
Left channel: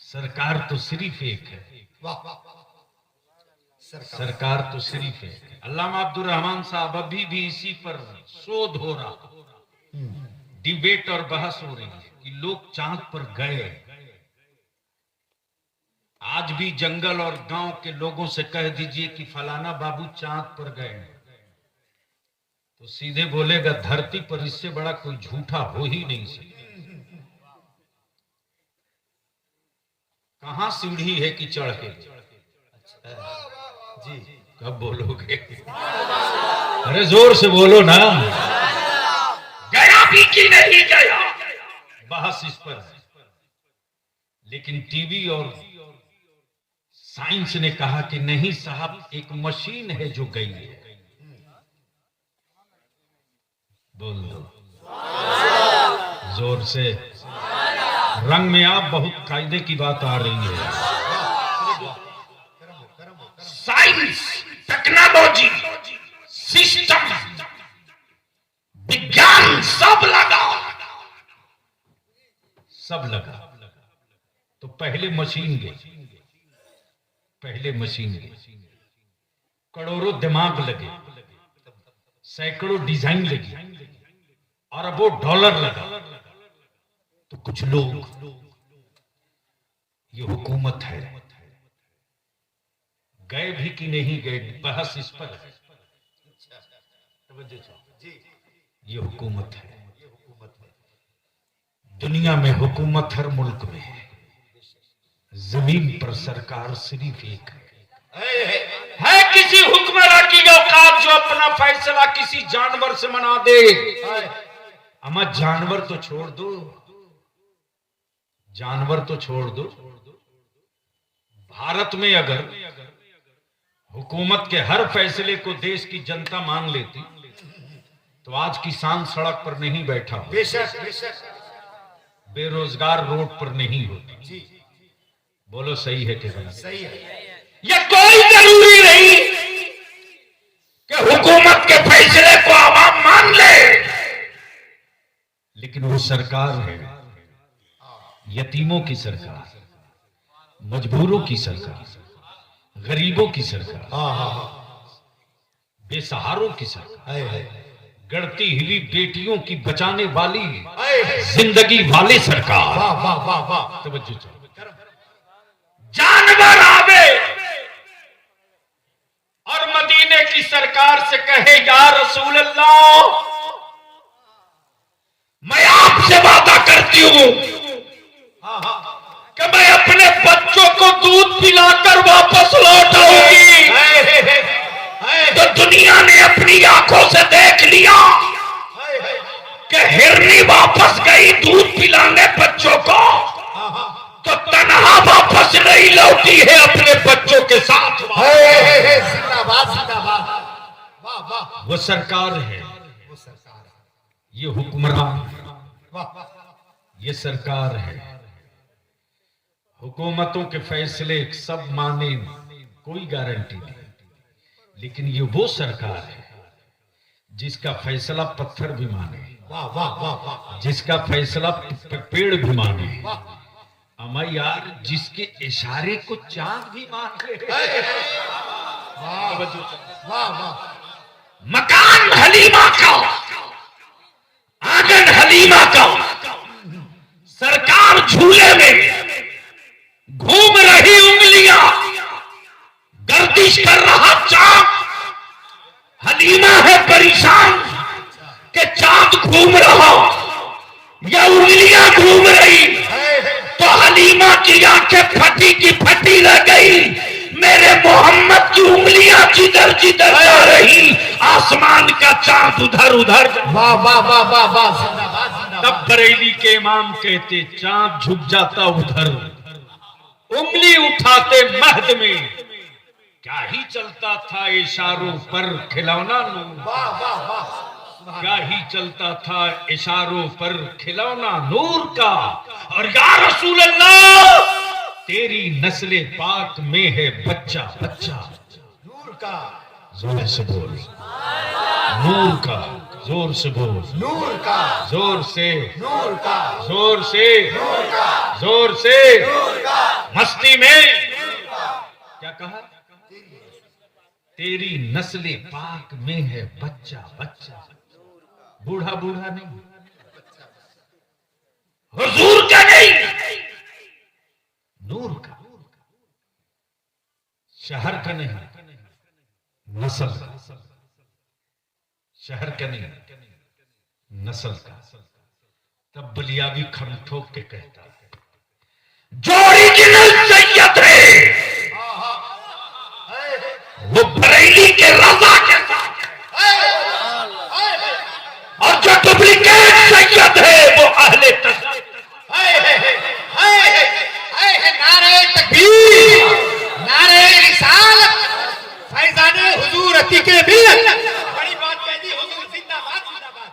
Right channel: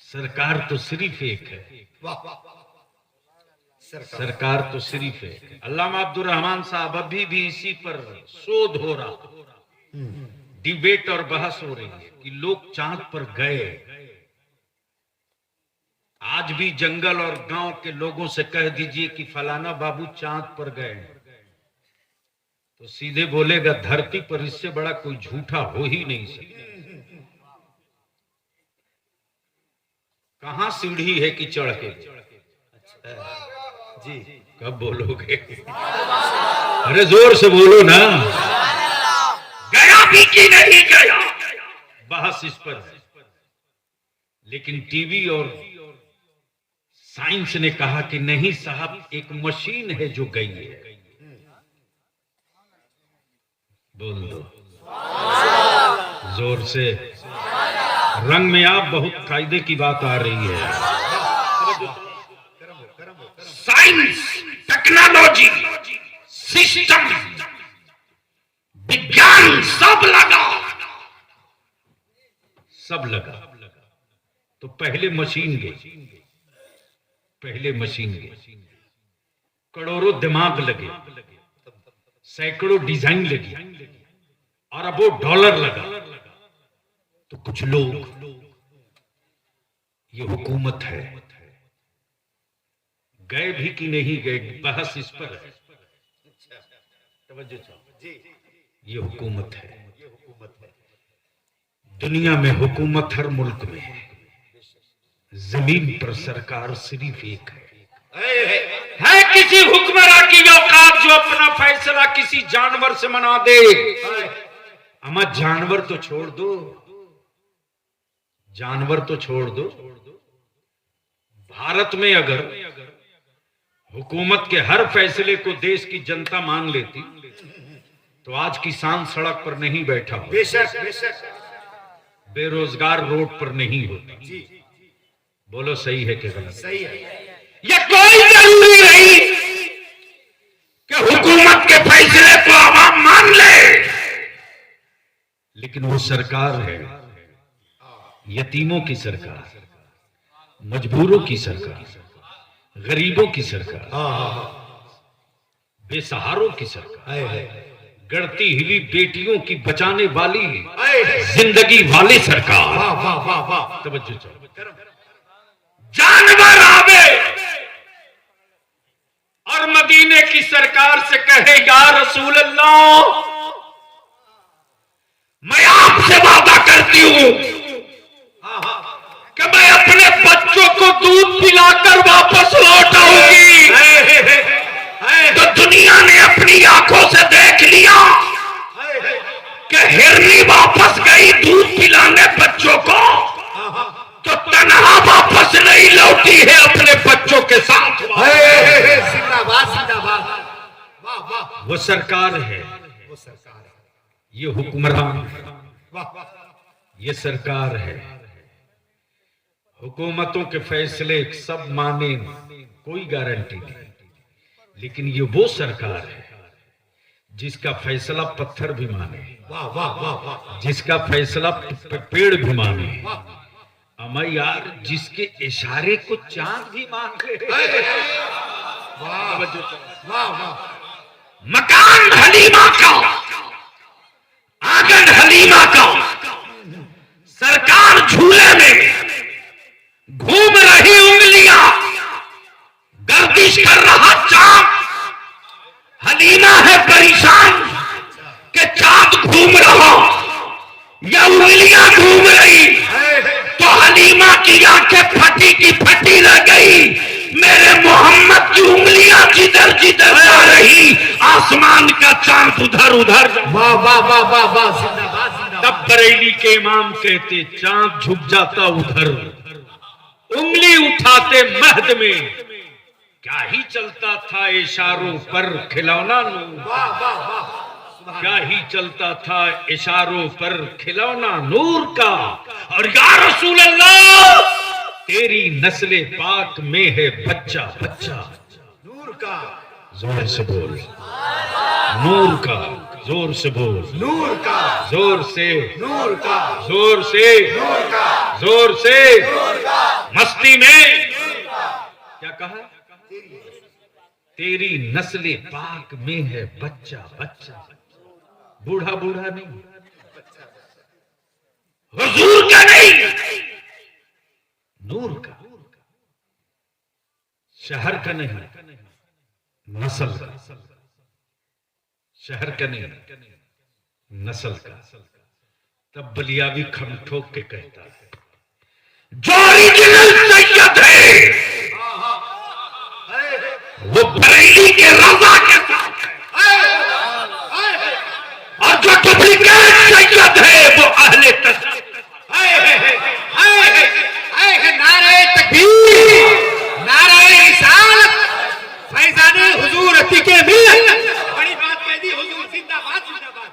सरकार तो सिर्फ एक है, सरकार तो सिर्फ है। अल्लामा अब्दुल रहमान साहब अभी भी इसी पर शोध हो रहा, डिबेट और बहस हो रही है कि लोग चांद पर गए। आज भी जंगल और गांव के लोगों से कह दीजिए कि फलाना बाबू चांद पर गए, तो सीधे बोलेगा धरती पर इससे बड़ा कोई झूठा हो ही नहीं सकता। कहां सीढ़ी है कि चढ़ के? जी। कब बोलोगे? अरे जोर से बोलो ना। गया भी कि नहीं गया, बहस इस पर है। लेकिन टीवी और साइंस ने कहा कि नहीं साहब, एक मशीन है जो गई है। बोल दो जोर से। रंग में आप बहुत कायदे की बात आ रही है। साइंस, टेक्नोलॉजी, सिस्टम, विज्ञान सब लगा, सब लगा। तो पहले मशीन गई, पहले मशीन गई, करोड़ों दिमाग लगे, सैकड़ों डिजाइन लगी, अरबों डॉलर लगा। तो कुछ लोग, ये हुकूमत है, गए भी कि नहीं गए, बहस इस पर है। ये हुकूमत है। दुनिया में हुकूमत हर मुल्क में है, जमीन पर सरकार सिर्फ एक है किसी हुक्मरान की औकात जो अपना फैसला किसी जानवर से मना दे। अमा जानवर तो छोड़ दो, जानवर तो छोड़ दो। भारत में अगर हुकूमत के हर फैसले को देश की जनता मान लेती तो आज किसान सड़क पर नहीं बैठा हो, बेशक बेशक। बेरोजगार रोड पर नहीं होती। बोलो सही है कि गलत? सही है। ये कोई जरूरी नहीं कि हुकूमत के फैसले को आवाम मान ले, लेकिन वो सरकार है, यतीमों की सरकार, मजबूरों की सरकार, गरीबों की सरकार, बेसहारों की सरकार, गढ़ती हुई बेटियों की बचाने वाली जिंदगी वाली सरकार। वाह वाह वाह वाह। तवज्जो चाहिए। जानवर आवे और मदीने की सरकार से कहे या रसूल अल्लाह, मैं आपसे वादा करती हूं कि मैं अपने बच्चों को दूध पिलाकर वापस लौट आऊंगी। तो दुनिया ने अपनी आंखों से देख लिया कि हिरनी वापस गई दूध पिलाने बच्चों को, तो तन्हा वापस नहीं लौटी है अपने बच्चों के साथ। जिंदाबाद जिंदाबाद। वाह वाह। वो सरकार है, वो सरकार है। ये हुक्मरान, वाह वाह। ये सरकार है। हुकूमतों के फैसले सब माने, कोई गारंटी नहीं, लेकिन ये वो सरकार है जिसका फैसला पत्थर भी माने, वाह वाह वाह वाह। जिसका फैसला पेड़ भी माने, हम यार जिसके इशारे को चांद भी मान ले। वाह वाह वाह। मकान हलीमा का, आंगन हलीमा का, सरकार झूले में, घूम रही उंगलियां, गर्दिश कर रहा चांद। हलीमा है परेशान कि चांद घूम रहा या उंगलियां घूम रही। तो हलीमा की आंखें फटी की फटी रह गई। मेरे मोहम्मद की उंगलियां जिधर जिधर जा रही, आसमान का चांद उधर उधर। वाह वाह वाह वाह वाह। जिंदाबाद जिंदाबाद। तब बरेली के इमाम कहते चांद झुक जाता उधर, उंगली उठाते महद में, क्या ही चलता था इशारों पर खिलौना नूर। वाह वाह वाह। क्या ही चलता था इशारों पर खिलौना नूर का। और या रसूल अल्लाह तेरी नस्ले पाक में है बच्चा बच्चा। नूर का, जोर से बोल, नूर का, जोर से बोल, नूर का, जोर से, नूर का, जोर से, नूर का, जोर से, नूर का, मस्ती में क्या कहा? तेरी नस्ले पाक में है बच्चा बच्चा। बूढ़ा बूढ़ा नहीं, हुजूर का नहीं, नूर का, शहर का नहीं, नस्ल का। शहर का नहीं, नस्ल का। तब बलियावी खम ठोक के कहता है, जो ओरिजिनल सैयद है वो बरेली के रजा के साथ है, और जो डुप्लीकेट सैयद है वो अहले तशद्दुद। नारे तकबीर, नारे रिसालत, फैजाने हुजूर अतीके मिल्लत। बड़ी बात कह दी हुजूर। जिंदाबाद जिंदाबाद।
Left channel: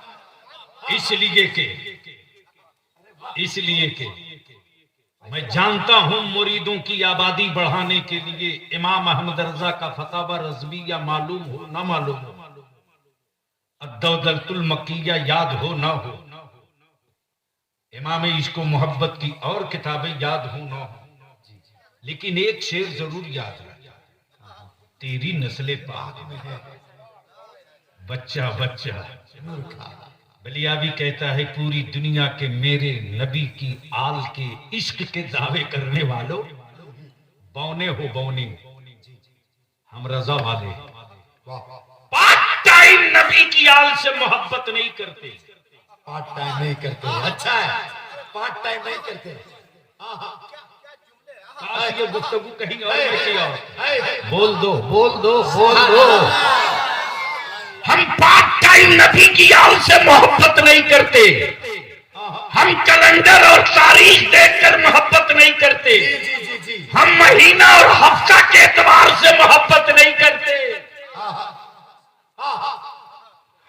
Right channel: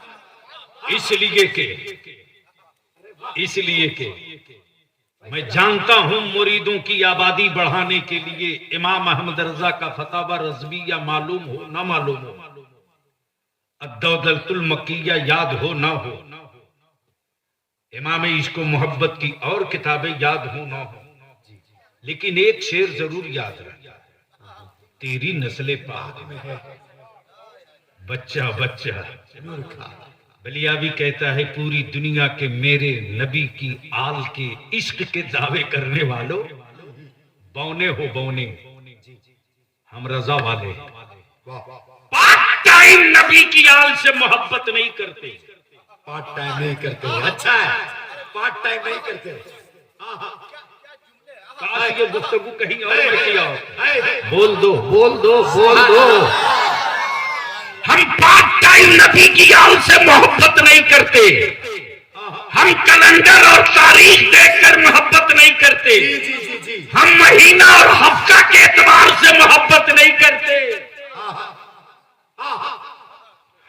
इसलिए के मैं जानता हूं मुरीदों की आबादी बढ़ाने के लिए इमाम अहमद रजा का फतावा रज़विया मालूम हो ना मालूम हो, अद्दौलतुल मक्किया याद हो ना हो, इमाम इश्क व मोहब्बत की और किताबें याद हो ना हो, लेकिन एक शेर जरूर याद रखना, तेरी नस्ले पाक में है बच्चा बच्चा। बलियावी कहता है पूरी दुनिया के मेरे नबी की आल के इश्क के दावे करने वालों, बौने हो बौने, हम रजा वाले पार्ट टाइम नबी की आल से मोहब्बत नहीं करते। पार्ट टाइम नहीं करते। अच्छा है, पार्ट टाइम नहीं करते। काश ये गुफ्तगू कहीं और में किया हो। बोल दो बोल दो बोल दो। हम पार्ट टाइम नबी की आल से मोहब्बत नहीं करते। हम कैलेंडर और तारीख देखकर मोहब्बत नहीं करते। जी जी जी। हम महीना और हफ्ता के एतबार से मोहब्बत नहीं करते।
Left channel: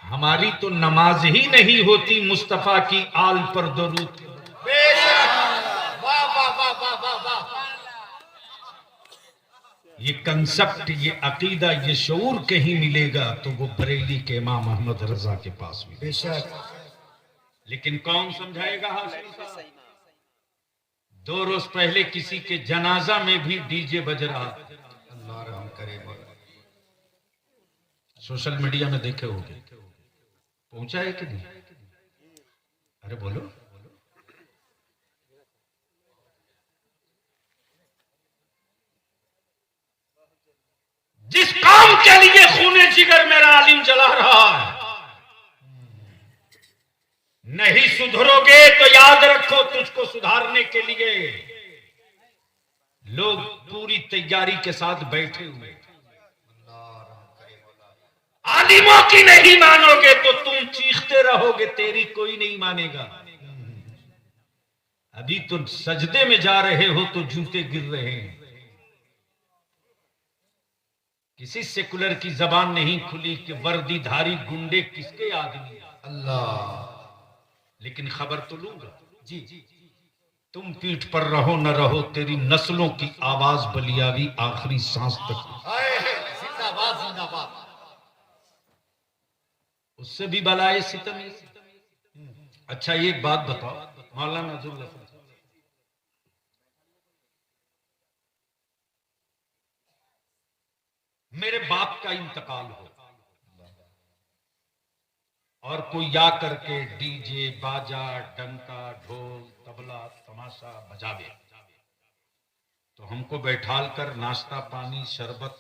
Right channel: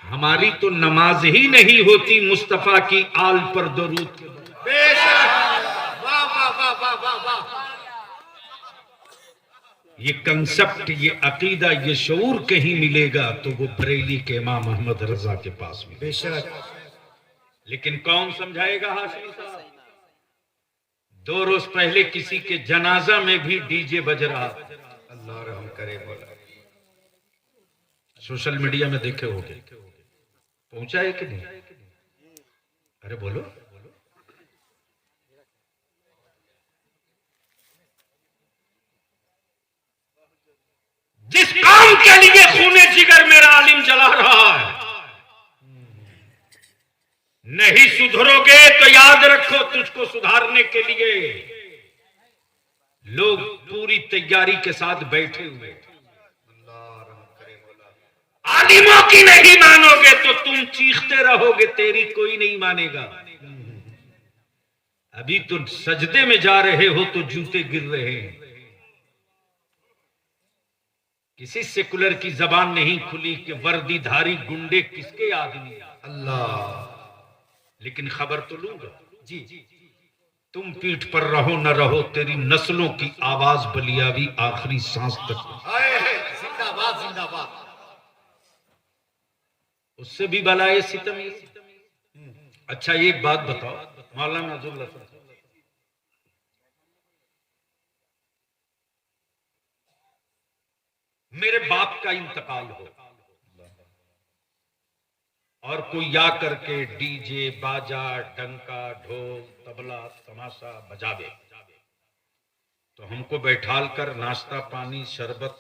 हमारी तो नमाज ही नहीं होती मुस्तफा की आल पर दरूद। बेशक। वाह वाह वाह वाह वाह वाह। ये कंसेप्ट, ये अकीदा, ये शऊर कहीं मिलेगा तो वो बरेली के इमाम अहमद रजा के पास मिलेगा। बेशक। लेकिन कौन समझाएगा हाशमी साहब? 2 रोज पहले किसी के जनाजा में भी डीजे बज रहा। अल्लाह रहम करे। सोशल मीडिया में देखे होंगे, पहुंचा है कि नहीं? अरे बोलो। जिस काम के लिए खूने जिगर मेरा आलिम जला रहा है, नहीं सुधरोगे तो याद रखो तुझको सुधारने के लिए लोग पूरी तैयारी के साथ बैठे हुए। आलिमों की नहीं मानोगे तो तुम चीखते रहोगे, तेरी कोई नहीं मानेगा। अभी तो सजदे में जा रहे हो तो जूते गिर रहे हैं। किसी सेकुलर की जबान नहीं खुली कि वर्दीधारी गुंडे किसके आदमी। अल्लाह। लेकिन खबर तो लूंगा जी। तुम पीठ पर रहो न रहो, तेरी नस्लों की आवाज बलियावी आखिरी सांस तक। जिंदाबाद जिंदाबाद। उससे भी बलाए सितम। अच्छा एक बात बताओ मौलाना अब्दुल्ला साहब, मेरे बाप का इंतकाल हो और कोई या करके डीजे बाजा डंका ढोल तबला तमाशा बजावे, तो हमको बैठाल कर नाश्ता पानी शरबत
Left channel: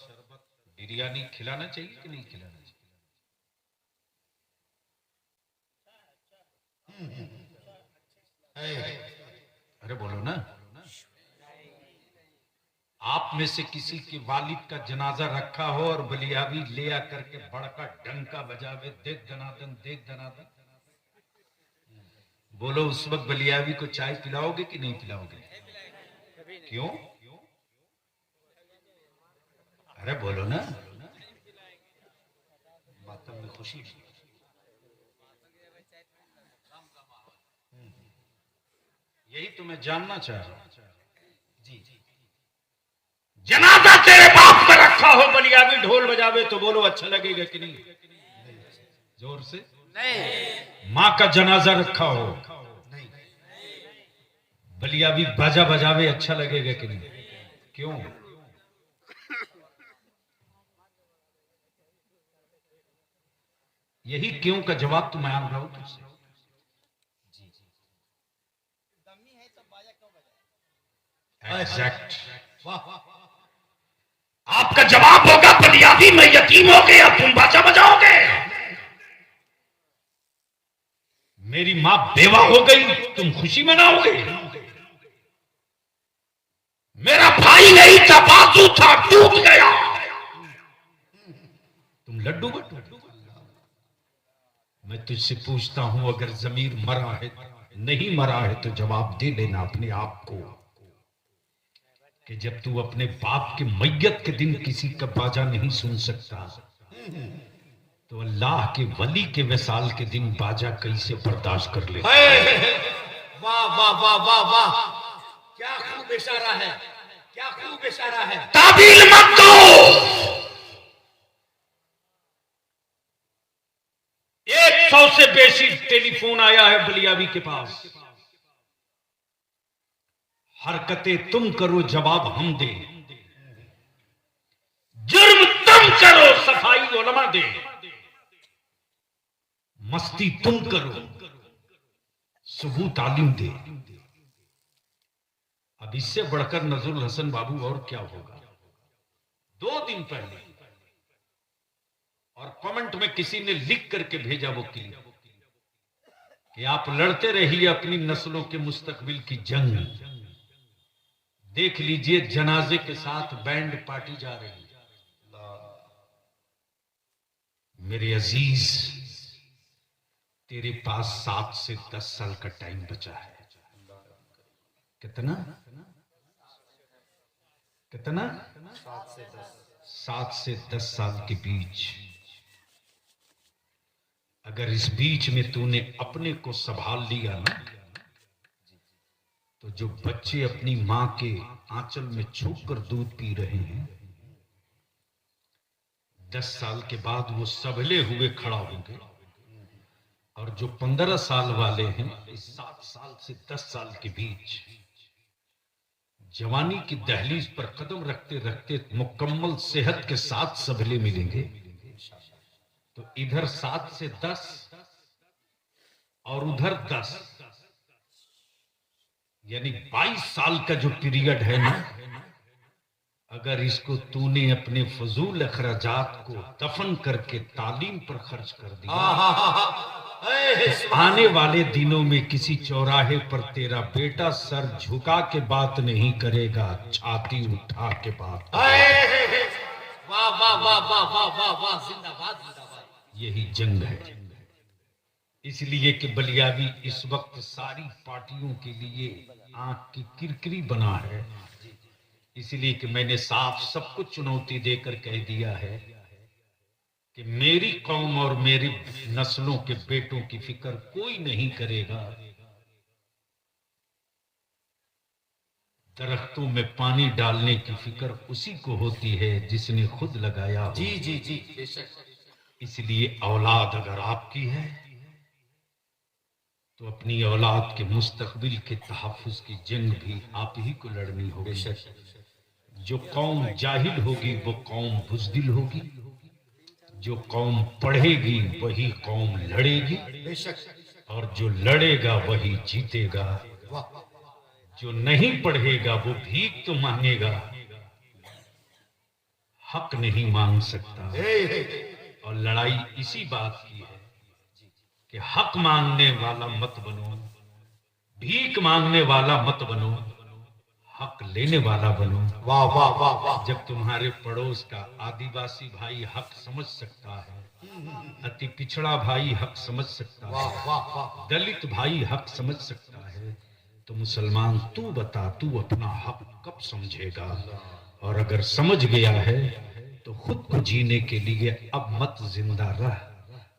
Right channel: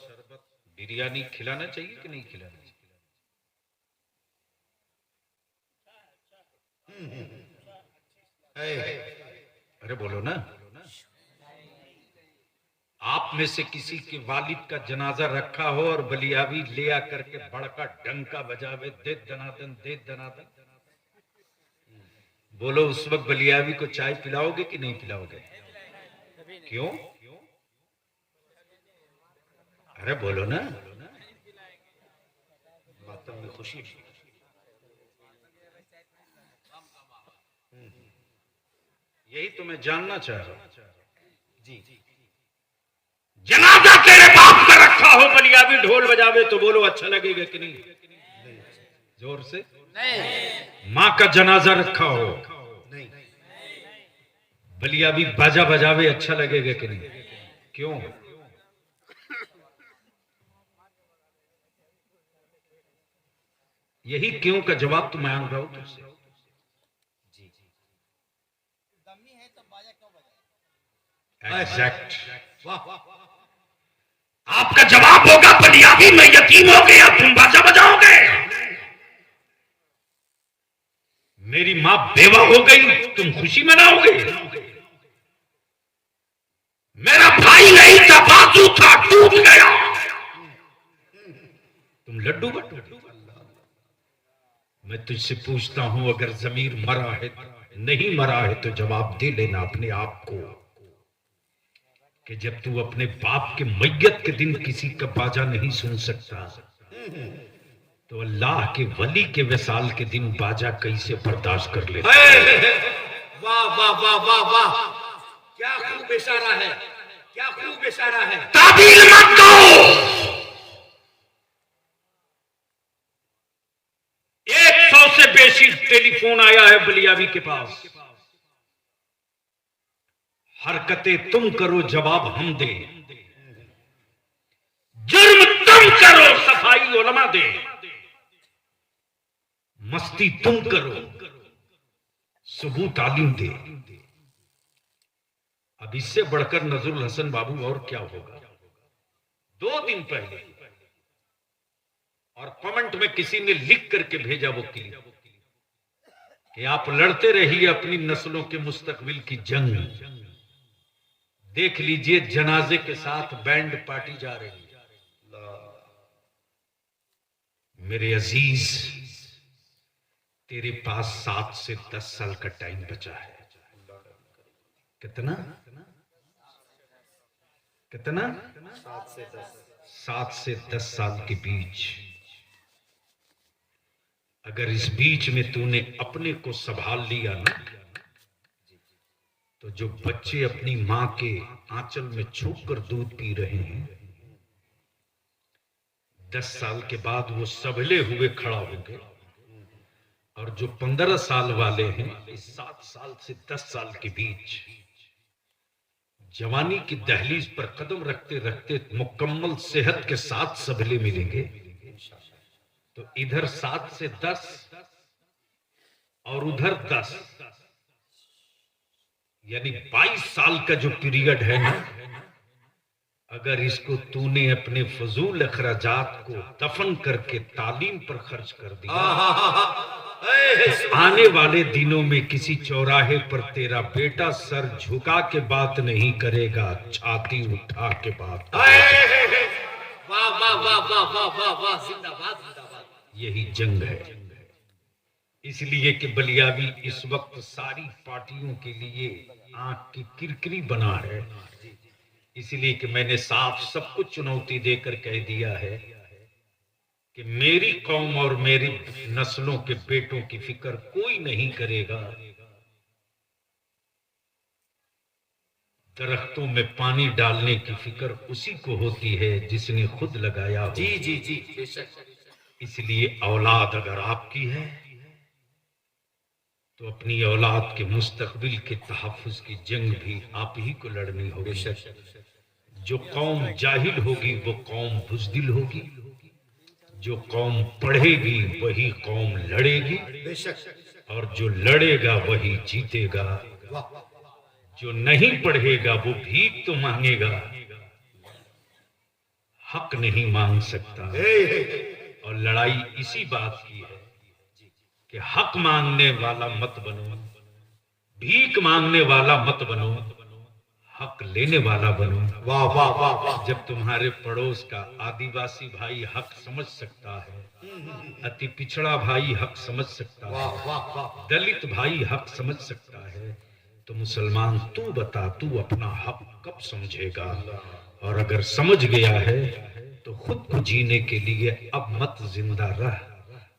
बिरयानी खिलाना चाहिए कि नहीं खिलाना चाहिए? अरे बोलो ना। आप में से किसी के वालिद का जनाजा रखा हो और बलियावी ले आकर के बड़का डंका बजावे, दे दनादन दे दनादन, बोलो उस वक्त बलियावी को चाय पिलाओगे कि नहीं पिलाओगे? क्यों? अरे बोलो ना। बातों में खुशी। यही तो मैं जानना चाह रहा हूं जी। जनाजा तेरे बाप का रखा हो, बलियावी ढोल बजावे, तो बोलो अच्छा लगेगा कि नहीं? जोर से नहीं। माँ का जनाजा रखा हो, नहीं, बलियावी बाजा बजावे, अच्छा लगेगा कि नहीं? क्यों? यही क्यों का जवाब तो मांग रहा हूं तुझसे। एग्जैक्ट। आपका जवाब होगा बलियावी मैं यतीम हो गया, तुम बाजा बजाओगे। मेरी मां बेवा हो गई, तुम खुशी मनाओगे। मेरा भाई नहीं था, बाजू था, टूट गया, तुम लड्डू बटू। मैं तुझसे पूछता हूं, अगर जमीर मरा है, नहीं मरा है, तो जवाब दे लेना अपने आप को कि जब तू अपने बाप के मैयत के दिन किसी का बाजा नहीं सुन सकता, तो अल्लाह के वली के विसाल के दिन बाजा कैसे बर्दाश्त कर ले? वाह वाह वाह वाह वाह, क्या खूब इशारा है, क्या खूब इशारा है। ताबील मत दो। 100 से बेशी टेलीफोन आया है बलियावी के पास। हरकतें तुम करो, जवाब हम दे। जुर्म तुम करो, सफाई उलमा दे। मस्ती तुम करो, सबूत आलिम दे। अब इससे बढ़कर नजरुल हसन बाबू और क्या होगा? 2 दिन पहले और कमेंट में किसी ने लिख करके भेजा वकील कि आप लड़ते रहिए अपनी नस्लों के मुस्तकबिल की जंग। देख लीजिए जनाजे के साथ बैंड पार्टी जा रही है। मेरे अजीज, तेरे पास 7 से 10 साल का टाइम बचा है। कितना कितना? 7 से 10 साल के बीच। अगर इस बीच में तूने अपने को संभाल लिया ना, तो जो बच्चे अपनी मां के आंचल में छुप कर दूध पी रहे हैं, 10 साल के बाद वो सबले हुए खड़ा होंगे। और जो 15 साल वाले हैं, इस 7 साल से 10 साल के बीच जवानी की दहलीज पर कदम रखते रखते मुकम्मल सेहत के साथ सबले मिलेंगे। तो इधर 7 से 10 और उधर 10, यानी 22 साल का जो पीरियड है ना, अगर इसको तूने अपने फजूल अखराजात को दफन करके तालीम पर खर्च कर दिया, आने वाले दिनों में किसी चौराहे पर तेरा बेटा सर झुका के बात नहीं करेगा, छाती उठा के बात। वाह वाह वाह वाह वाह वाह वाह, जिंदाबाद जिंदाबाद। यही जंग है। इसलिए कि बलियावी इस वक्त सारी पार्टियों के लिए आंख की किरकिरी बना है। इसलिए कि मैंने साफ सबको चुनौती देकर कह दिया है कि मेरी कौम और मेरी नस्लों के बेटों की फिक्र कोई नहीं करेगा। दरख्तों में पानी डालने की फिक्र उसी को होती है जिसने खुद लगाया हो। जी जी जी, इसलिए औलाद अगर आपकी है तो अपनी औलाद के मुस्तकबिल के तहफ्फुज की जंग भी आप ही को लड़नी होगी। जो कौम जाहिल होगी वो कौम बुज़दिल होगी, जो कौम पढ़ेगी वही कौम लड़ेगी, बेशक और जो लड़ेगा वही जीतेगा। जो नहीं पढ़ेगा वो भीख तो मांगेगा, हक नहीं मांग सकता। और लड़ाई इसी बात की है कि हक मांगने वाला मत बनो, भीख मांगने वाला मत बनो, हक लेने वाला बनो। वाह वाह वाह वाह। जब तुम्हारे पड़ोस का आदिवासी भाई हक समझ सकता है, अति पिछड़ा भाई हक समझ सकता वाह है, वाह वाह। दलित भाई हक समझ सकता है, तो मुसलमान तू बता, तू अपना हक कब समझेगा? और अगर समझ गया है तो खुद को जीने के लिए अब मत जिंदा रह,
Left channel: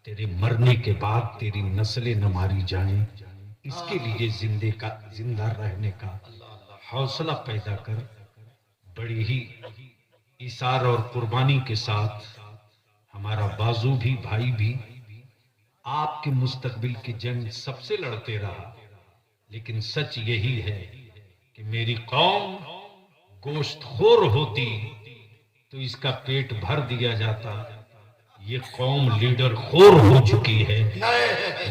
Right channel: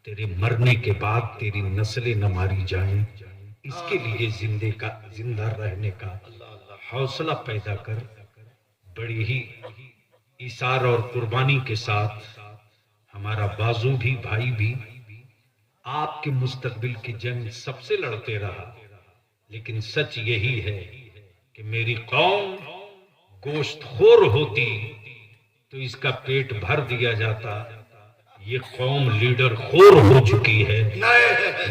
तेरे मरने के बाद तेरी नस्लें न मारी जाएं, इसके लिए जिंदा रहने का हौसला पैदा कर। बड़ी ही इसार और कुर्बानी के साथ हमारा बाजू भी भाई भी आपके मुस्तकबिल की जंग सबसे लड़ते रहा, लेकिन सच यही है कि मेरी कौम गोश्तखोर होती तो इसका पेट भर दिया जाता। ये कौम लीडर खोर हो चुकी है,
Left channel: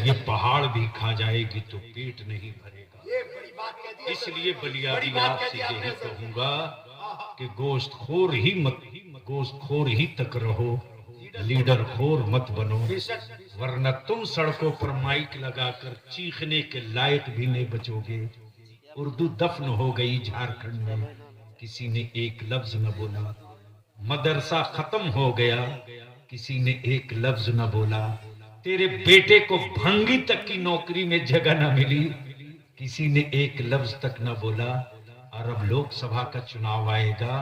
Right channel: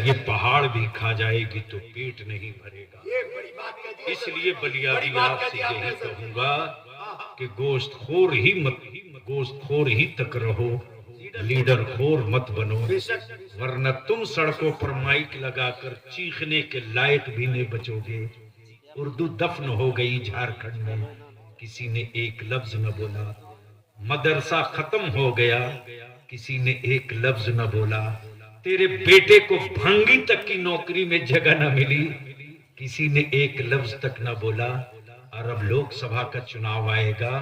ये पहाड़ भी खा जाएगी तो पेट नहीं भरेगा। ये बड़ी बात कह दी। इसलिए बलियादी बड़ी बात कह आपसे दी आपने यही सर। कहूंगा कि गोश्तखोर ही तक रहो, लीडर खोर मत बनो, बेशक वरना तुम सड़कों पर माइक लगाकर चीखने के लायक भी नहीं बचोगे। उर्दू दफन हो गई झारखंड में, किसी ने एक लफ्ज न बोला। मदरसा खत्म हो गया, किसी ने एक लफ्ज न बोला। तेरे बेटे को भंगी तक की नौकरी में जगह न मिली, किसी ने एक लफ्ज तक न बोला। और अब लोकसभा का चुनाव आएगा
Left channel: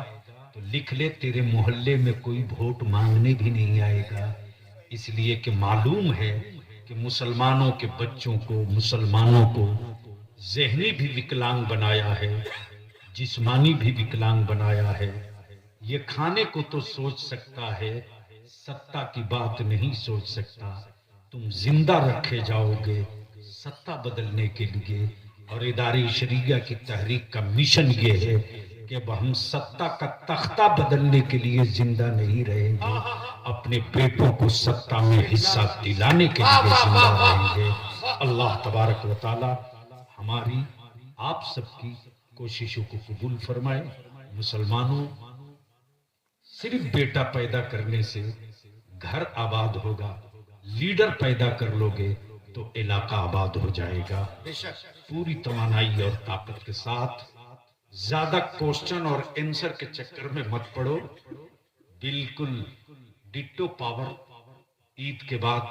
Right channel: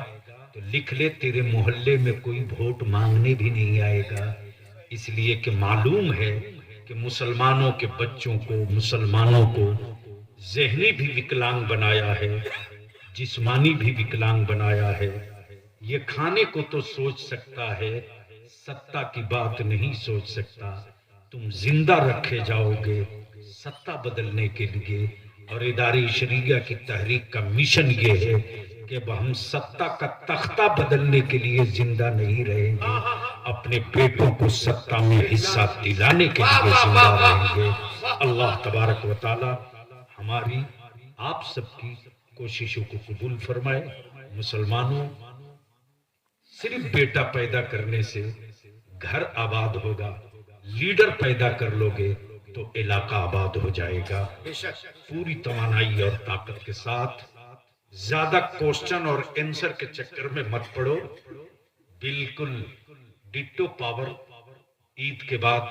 तो लिख ले, तेरे मोहल्ले में कोई वोट मांगने भी नहीं आएगा। इसलिए कि मालूम है कि मुसलमानों के बच्चों को, मुसलमानों को ज़हनी भी विकलांग बनाया है, जिस्मानी भी विकलांग बनाया है। ये खाने को तो सोच सकता है, सत्ता की बात नहीं सोच सकता। तुम जिंदा रखे जाओगे सत्ता बदलने के लिए। और इदारी शरीया की तहरीक का मिशन ये है कि अब हम सत्ता का तख्ता बदलने के लिए जिंदा नहीं रहेंगे, अपने बेटों को सत्ता में हिस्सा दिलाने के लिए जिंदा रहेंगे। अल्लाह तबारक व तआला हमारी आप सबकी कोशिशों को कबूल फरमाए। मुसलमानों, सिर्फ बेटा पैदा करने से घर आबाद होगा, लीडर पैदा कर लोगे तो इलाका आबाद हो जाएगा। बेशक पूरी तवानाई और ताकत के साथ, ज्यादा क्वेश्चन और आंसर के चक्कर में मत पड़ो। बिल्कुल डिट्टो पावर। ईद के बाद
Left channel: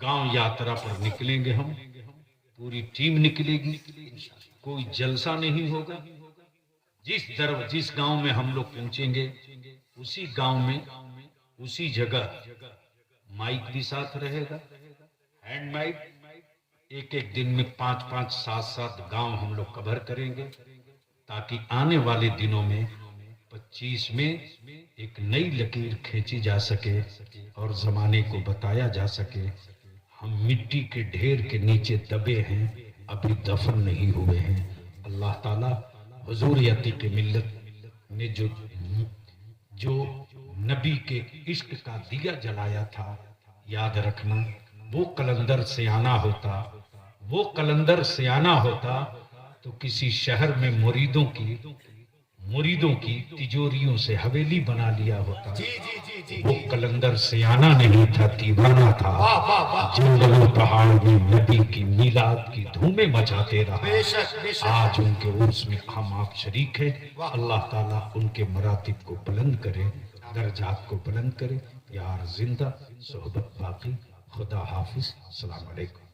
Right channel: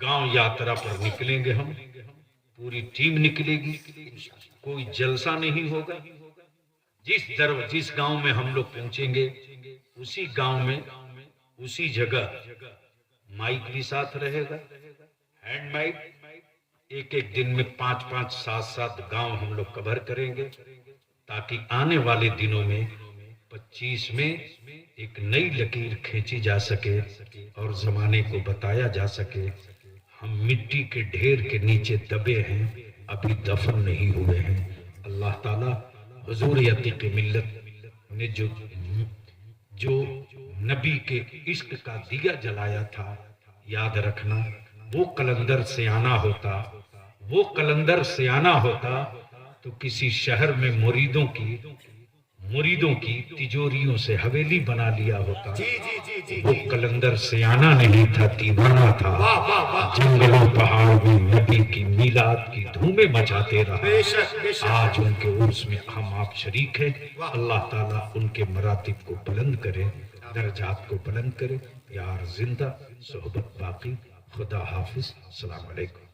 गांव यात्रा पर निकलेंगे हम, पूरी टीम निकलेगी, कोई जलसा नहीं होगा। जिस गांव में हम लोग पहुंचेंगे उसी गांव में, उसी जगह माइक भी साथ रहेगा, हैंड माइक। एक दिन में 5-5, 7-7 गांव हम लोग कवर करेंगे, ताकि आने वाले दिनों में 25 में एक नई लकीर खींची जा सके और जमाने को बताया जा सके हम मिट्टी के ढेर के नीचे दबे हैं, अभी दफन नहीं हुए हैं। अल्लाह ताला हुजूर अतीक मिल्लत ने जो नबी के इश्क का दिया जलाया था, याद रखना, वो कलंदर सियाना होता, वो कलंदर सियाना होता तो किसी शहर में मुरीदों की तिजोरियों से हवेली बना लिया होता। जी जी जी जी वो कलंदर सियाना नहीं था, दीवाना था। वाह वाह वाह। जंगलों पहाड़ में नबी की मीलाद की धूमें मचाते रहा। बेशक बेशक। आज उनके उर्स में हम आप शरीक हैं। अल्लाह ताला उनके मरातिब को बुलंद करे, दर्जात को बुलंद करे। यार जिंदा सोहबत बाकी। खुदा हाफिज। अस्सलाम वालेकुम।